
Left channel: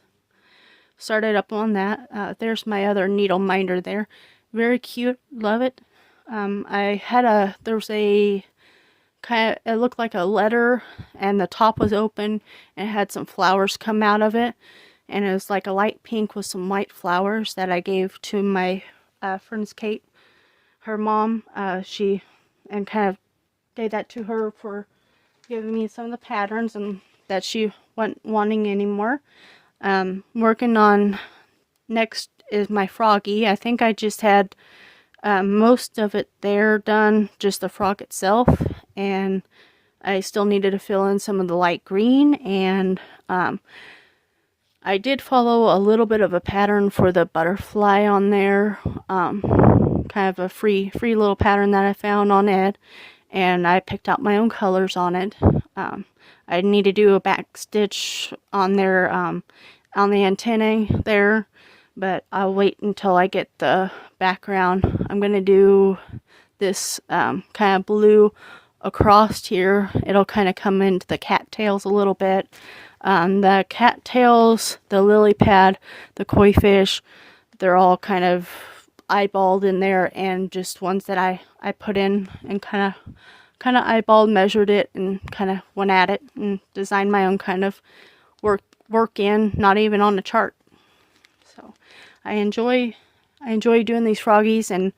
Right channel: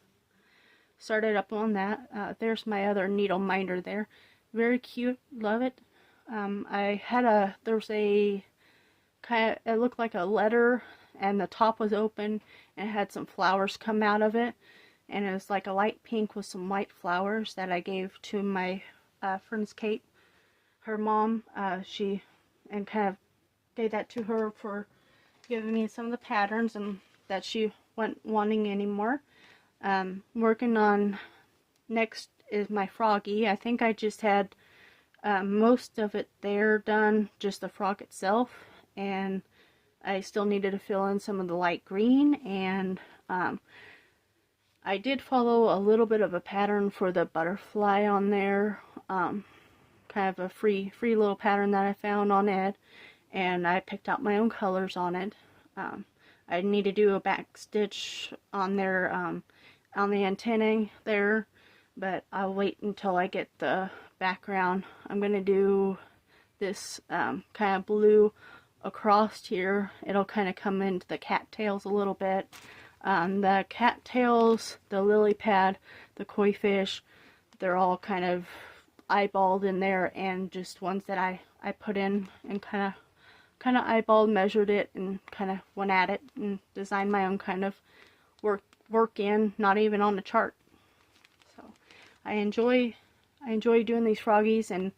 Started up on that. There's my other needle minder there. Very cute, love it. There's a kind of, it looked like a letter, and the top was open and it had some flowers come out of it, and it was like a light pink with some white flowers that I gave to my friend's Kate, her mom. And kind of gave that to her for giving me some of the patterns, and that she wasn't wanting anymore. Working on next is my froggy. I think I just had most of it there done, just the frog itself, and I still needed to fill in some of the light green, and I did follow a little bit of a pattern for the butterfly on there, kind of a free little pattern that I found on Ed, and I picked out my own colors on it. I need to do a back stitch on their on the antennae there, but I'll wait until I get the background. I'm gonna do this kind of blue across here. It'll kind of come into the cattails a little bit. The cattails, the lily pad, the koi fish, they're all kind of eyeballed in there, and just ones that I put in and kind of eyeballed, measured it, and kind of went at it and designed my own kind of work in, not even on the chart. So I enjoy doing these froggies, and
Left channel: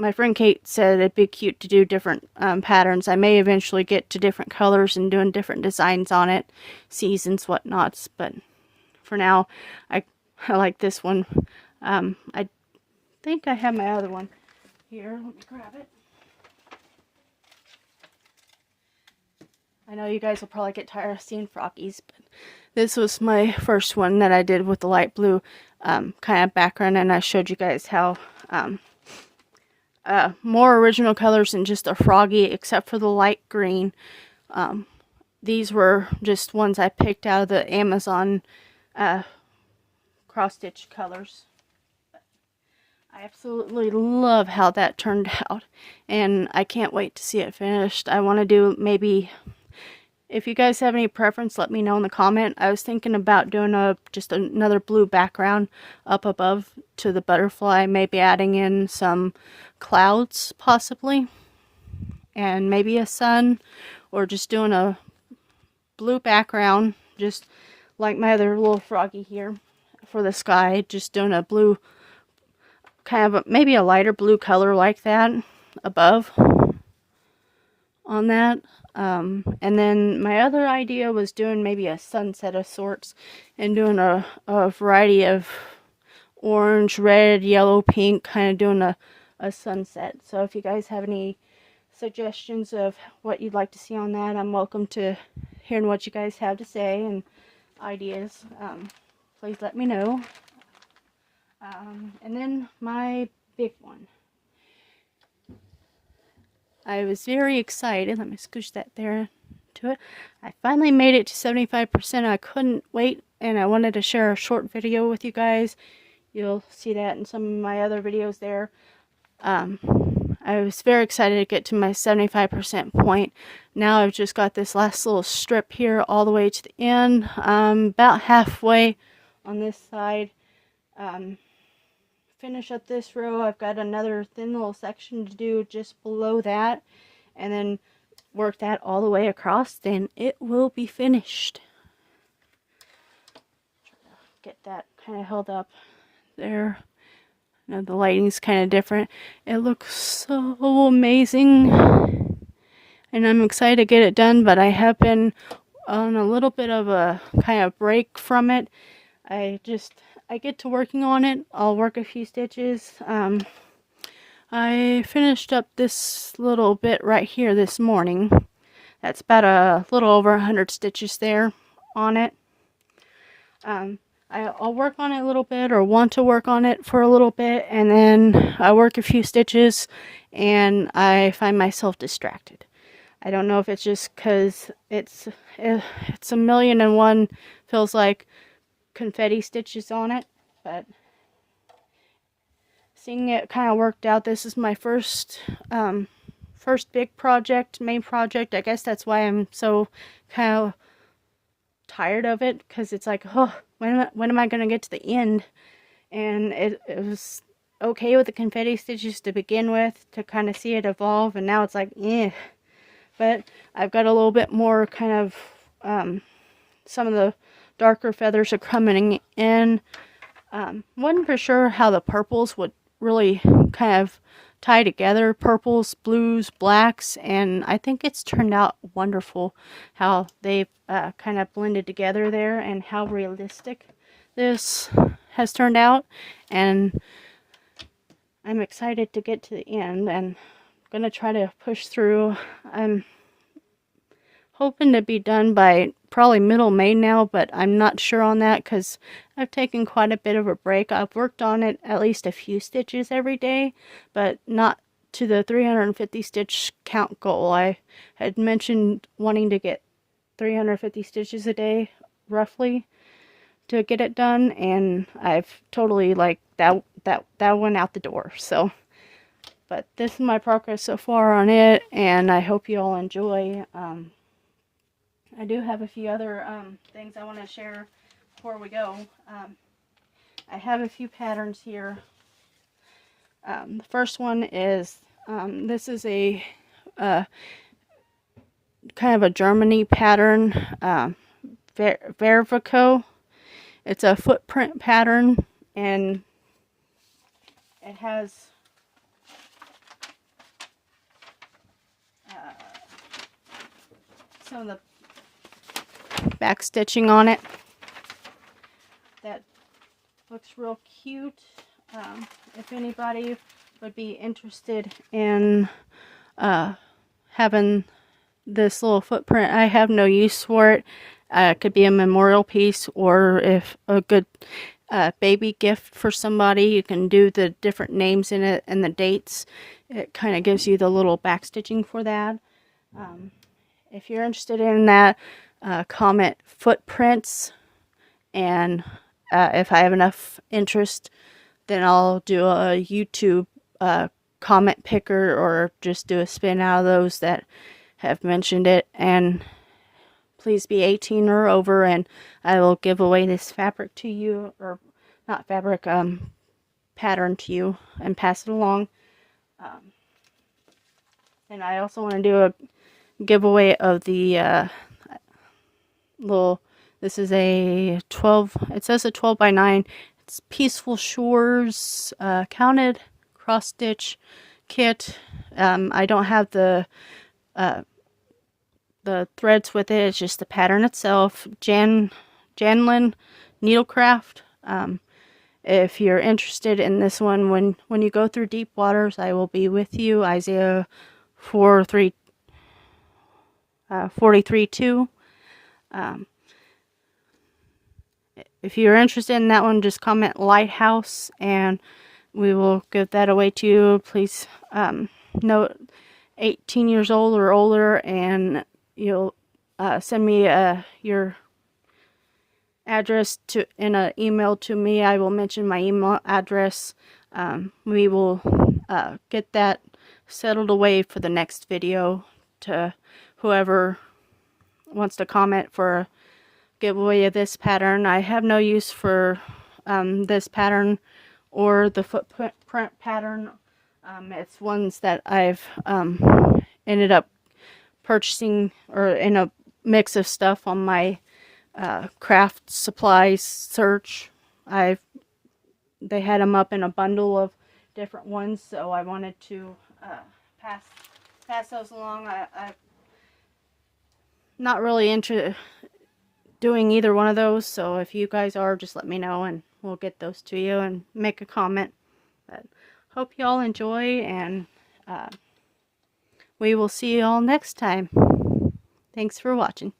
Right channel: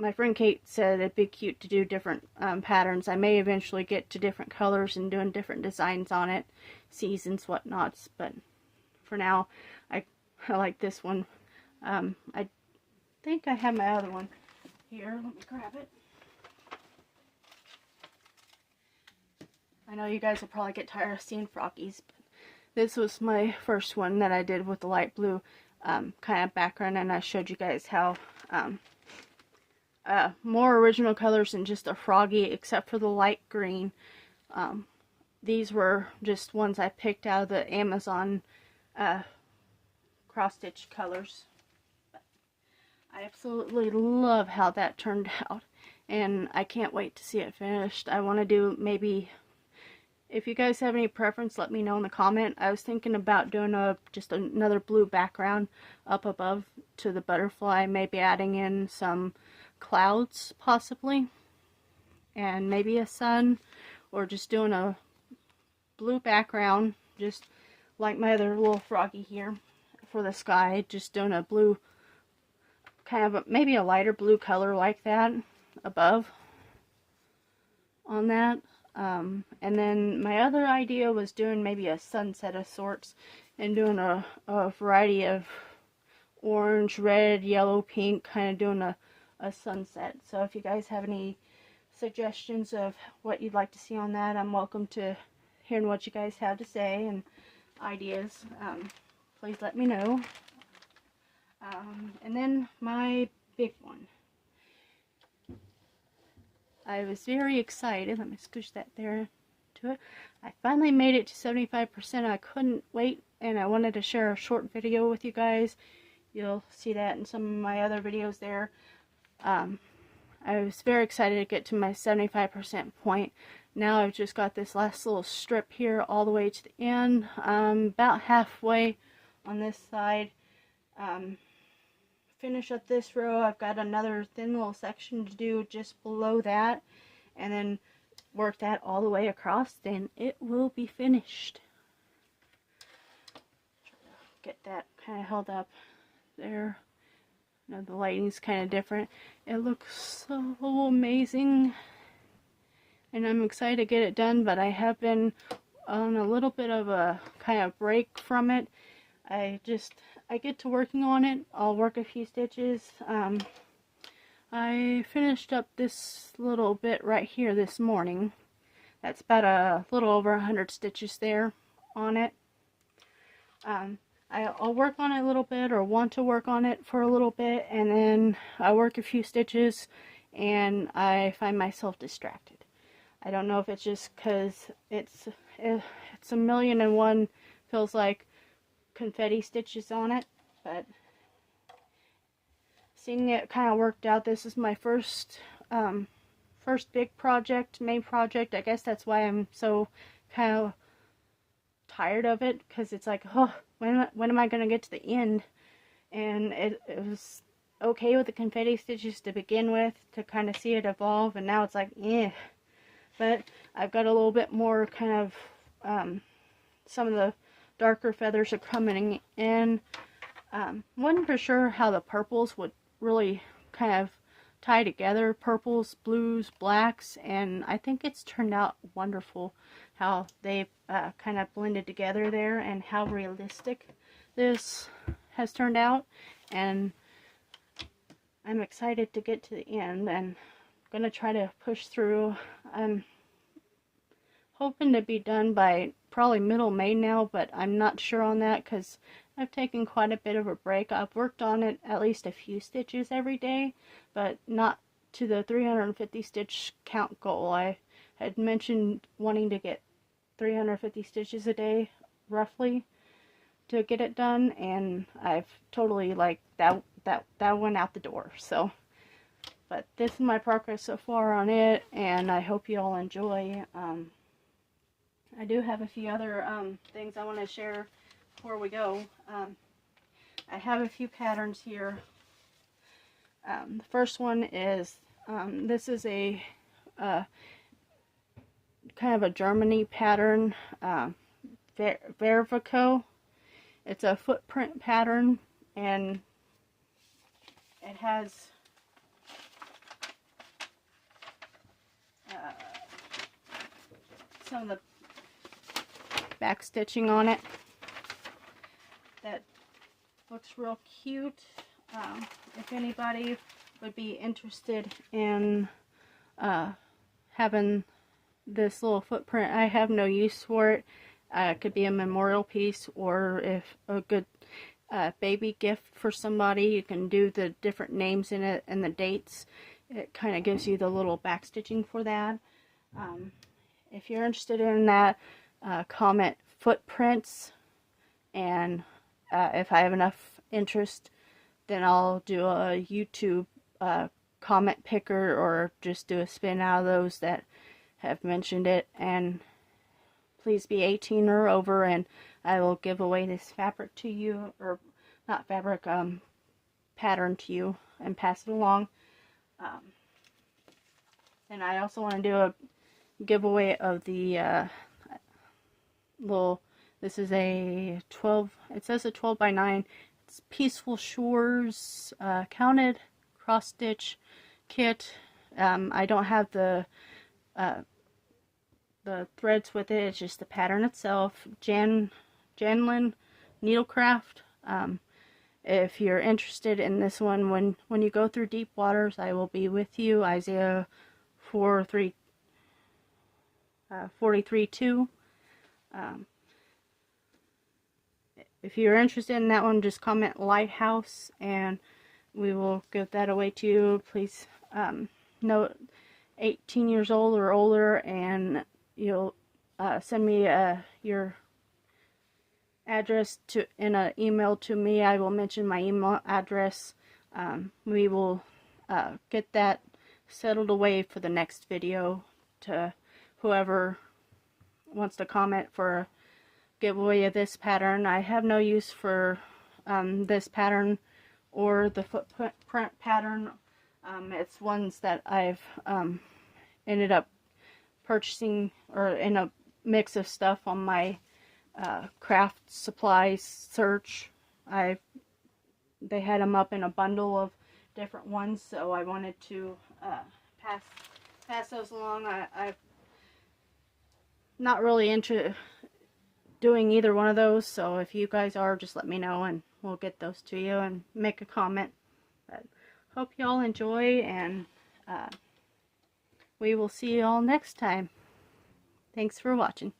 my friend Kate said it'd be cute to do different patterns. I may eventually get to different colors and doing different designs on it, seasons, whatnots, but for now I like this one. I think I have my other one here. Let me grab it. I know you guys will probably get tired of seeing froggies, but this was my first one that I did with the light blue kind of background, and I showed you guys how more original colors than just a froggy, except for the light green. These were just ones I picked out of the Amazon cross-stitch colors. I absolutely love how that turned out, and I can't wait to see it finished. I want to do maybe, if you guys have any preference, let me know in the comment. I was thinking about doing just another blue background up above to the butterfly, maybe adding in some clouds possibly, and maybe a sun, or just doing a blue background, just like my other little froggy here for the sky, just doing a blue, kind of maybe a lighter blue color like that above on that. And then my other idea was doing maybe a sunset of sorts, and doing a variety of orange, red, yellow, pink, kind of doing a sunset. So if you guys have any suggestions of what you'd like to see on that, I'm welcome to hearing what you guys have to say and ideas. Please let me know. And then my big one. I was very excited. Let me scooch that there to it. I finally made it to 75%. I couldn't wait, and I wanted to share a short video with you guys. You'll see that in some of my other videos there. I was very excited to get to my 75% point. Now I've just got this last little strip here all the way to the end. About halfway on this side. Finish up this row. I've got another thin little section to do just below that, and then work that all the way across, then it will be finished. Get that kind of held up there. Now the lighting's kind of different. It looks so amazing, and I'm excited to get it done, but I have been on a little bit of a kind of break from it. I get to working on it. I'll work a few stitches. I finished up this little bit right here this morning. That's about a little over 100 stitches there on it. I'll work on it a little bit, or want to work on it for a little bit, and then I work a few stitches and I find myself distracted. I don't know if it's just because it's a million and one, feels like, confetti stitches on it, but seeing it kind of worked out. This is my first big project, main project. I guess that's why I'm so kind of tired of it, because it's like, oh, when am I going to get to the end? And it was okay with the confetti stitches to begin with, to kind of see it evolve, and now it's like, eh. But I've got a little bit more kind of some of the darker feathers are coming in. Wasn't for sure how the purples would really kind of tie together, purples, blues, blacks, and I think it's turned out wonderful how they've kind of blended together there, and how realistic this has turned out. And I'm excited to get to the end, and I'm gonna try to push through. I'm hoping to be done by probably middle May now, but I'm not sure on that because I've taken quite a bit of a break. I've worked on it at least a few stitches every day, but not to the 350 stitch count goal. I had mentioned wanting to get 350 stitches a day roughly to get it done, and I've totally like that went out the door. So but this is my progress so far on it, and I hope you all enjoy. I do have a few other things I want to share before we go. I have a few patterns here. The first one is this is a kind of a Germany pattern, Vervico. It's a footprint pattern, and it has some of the back stitching on it that looks real cute. If anybody would be interested in having this little footprint, I have no use for it. It could be a memorial piece, or if a good baby gift for somebody, you can do the different names in it and the dates. It kind of gives you the little back stitching for that. If you're interested in that, comment footprints, and if I have enough interest, then I'll do a YouTube comment picker, or just do a spin out of those that have mentioned it. And please be 18 or over, and I will give away this fabric to you, or not fabric, pattern to you, and pass it along. And I also want to do a giveaway of the this is a 12, it says a 12 by 9. It's Peaceful Shores counted cross stitch kit. I don't have the threads with it. It's just the pattern itself. Janlin Needlecraft. If you're interested in this one, when you go through deep waters, I will be with you. Isaiah 43:2. If you're interested in that one, just comment Lighthouse, and we will give that away to you. Please note 18 years old or older, and you'll send me your address in an email to me. I will mention my email address. We will get that settled away for the next video to whoever wants to comment for a giveaway of this pattern. I have no use for this pattern or the footprint pattern. It's ones that I've ended up purchasing, or in a mix of stuff on my craft supplies search. They had them up in a bundle of different ones, so I wanted to pass those along. I'm not really into doing either one of those, so if you guys are, just let me know and we'll get those to you, and make a comment. But hope you all enjoy, and we will see you all next time. Thanks for watching.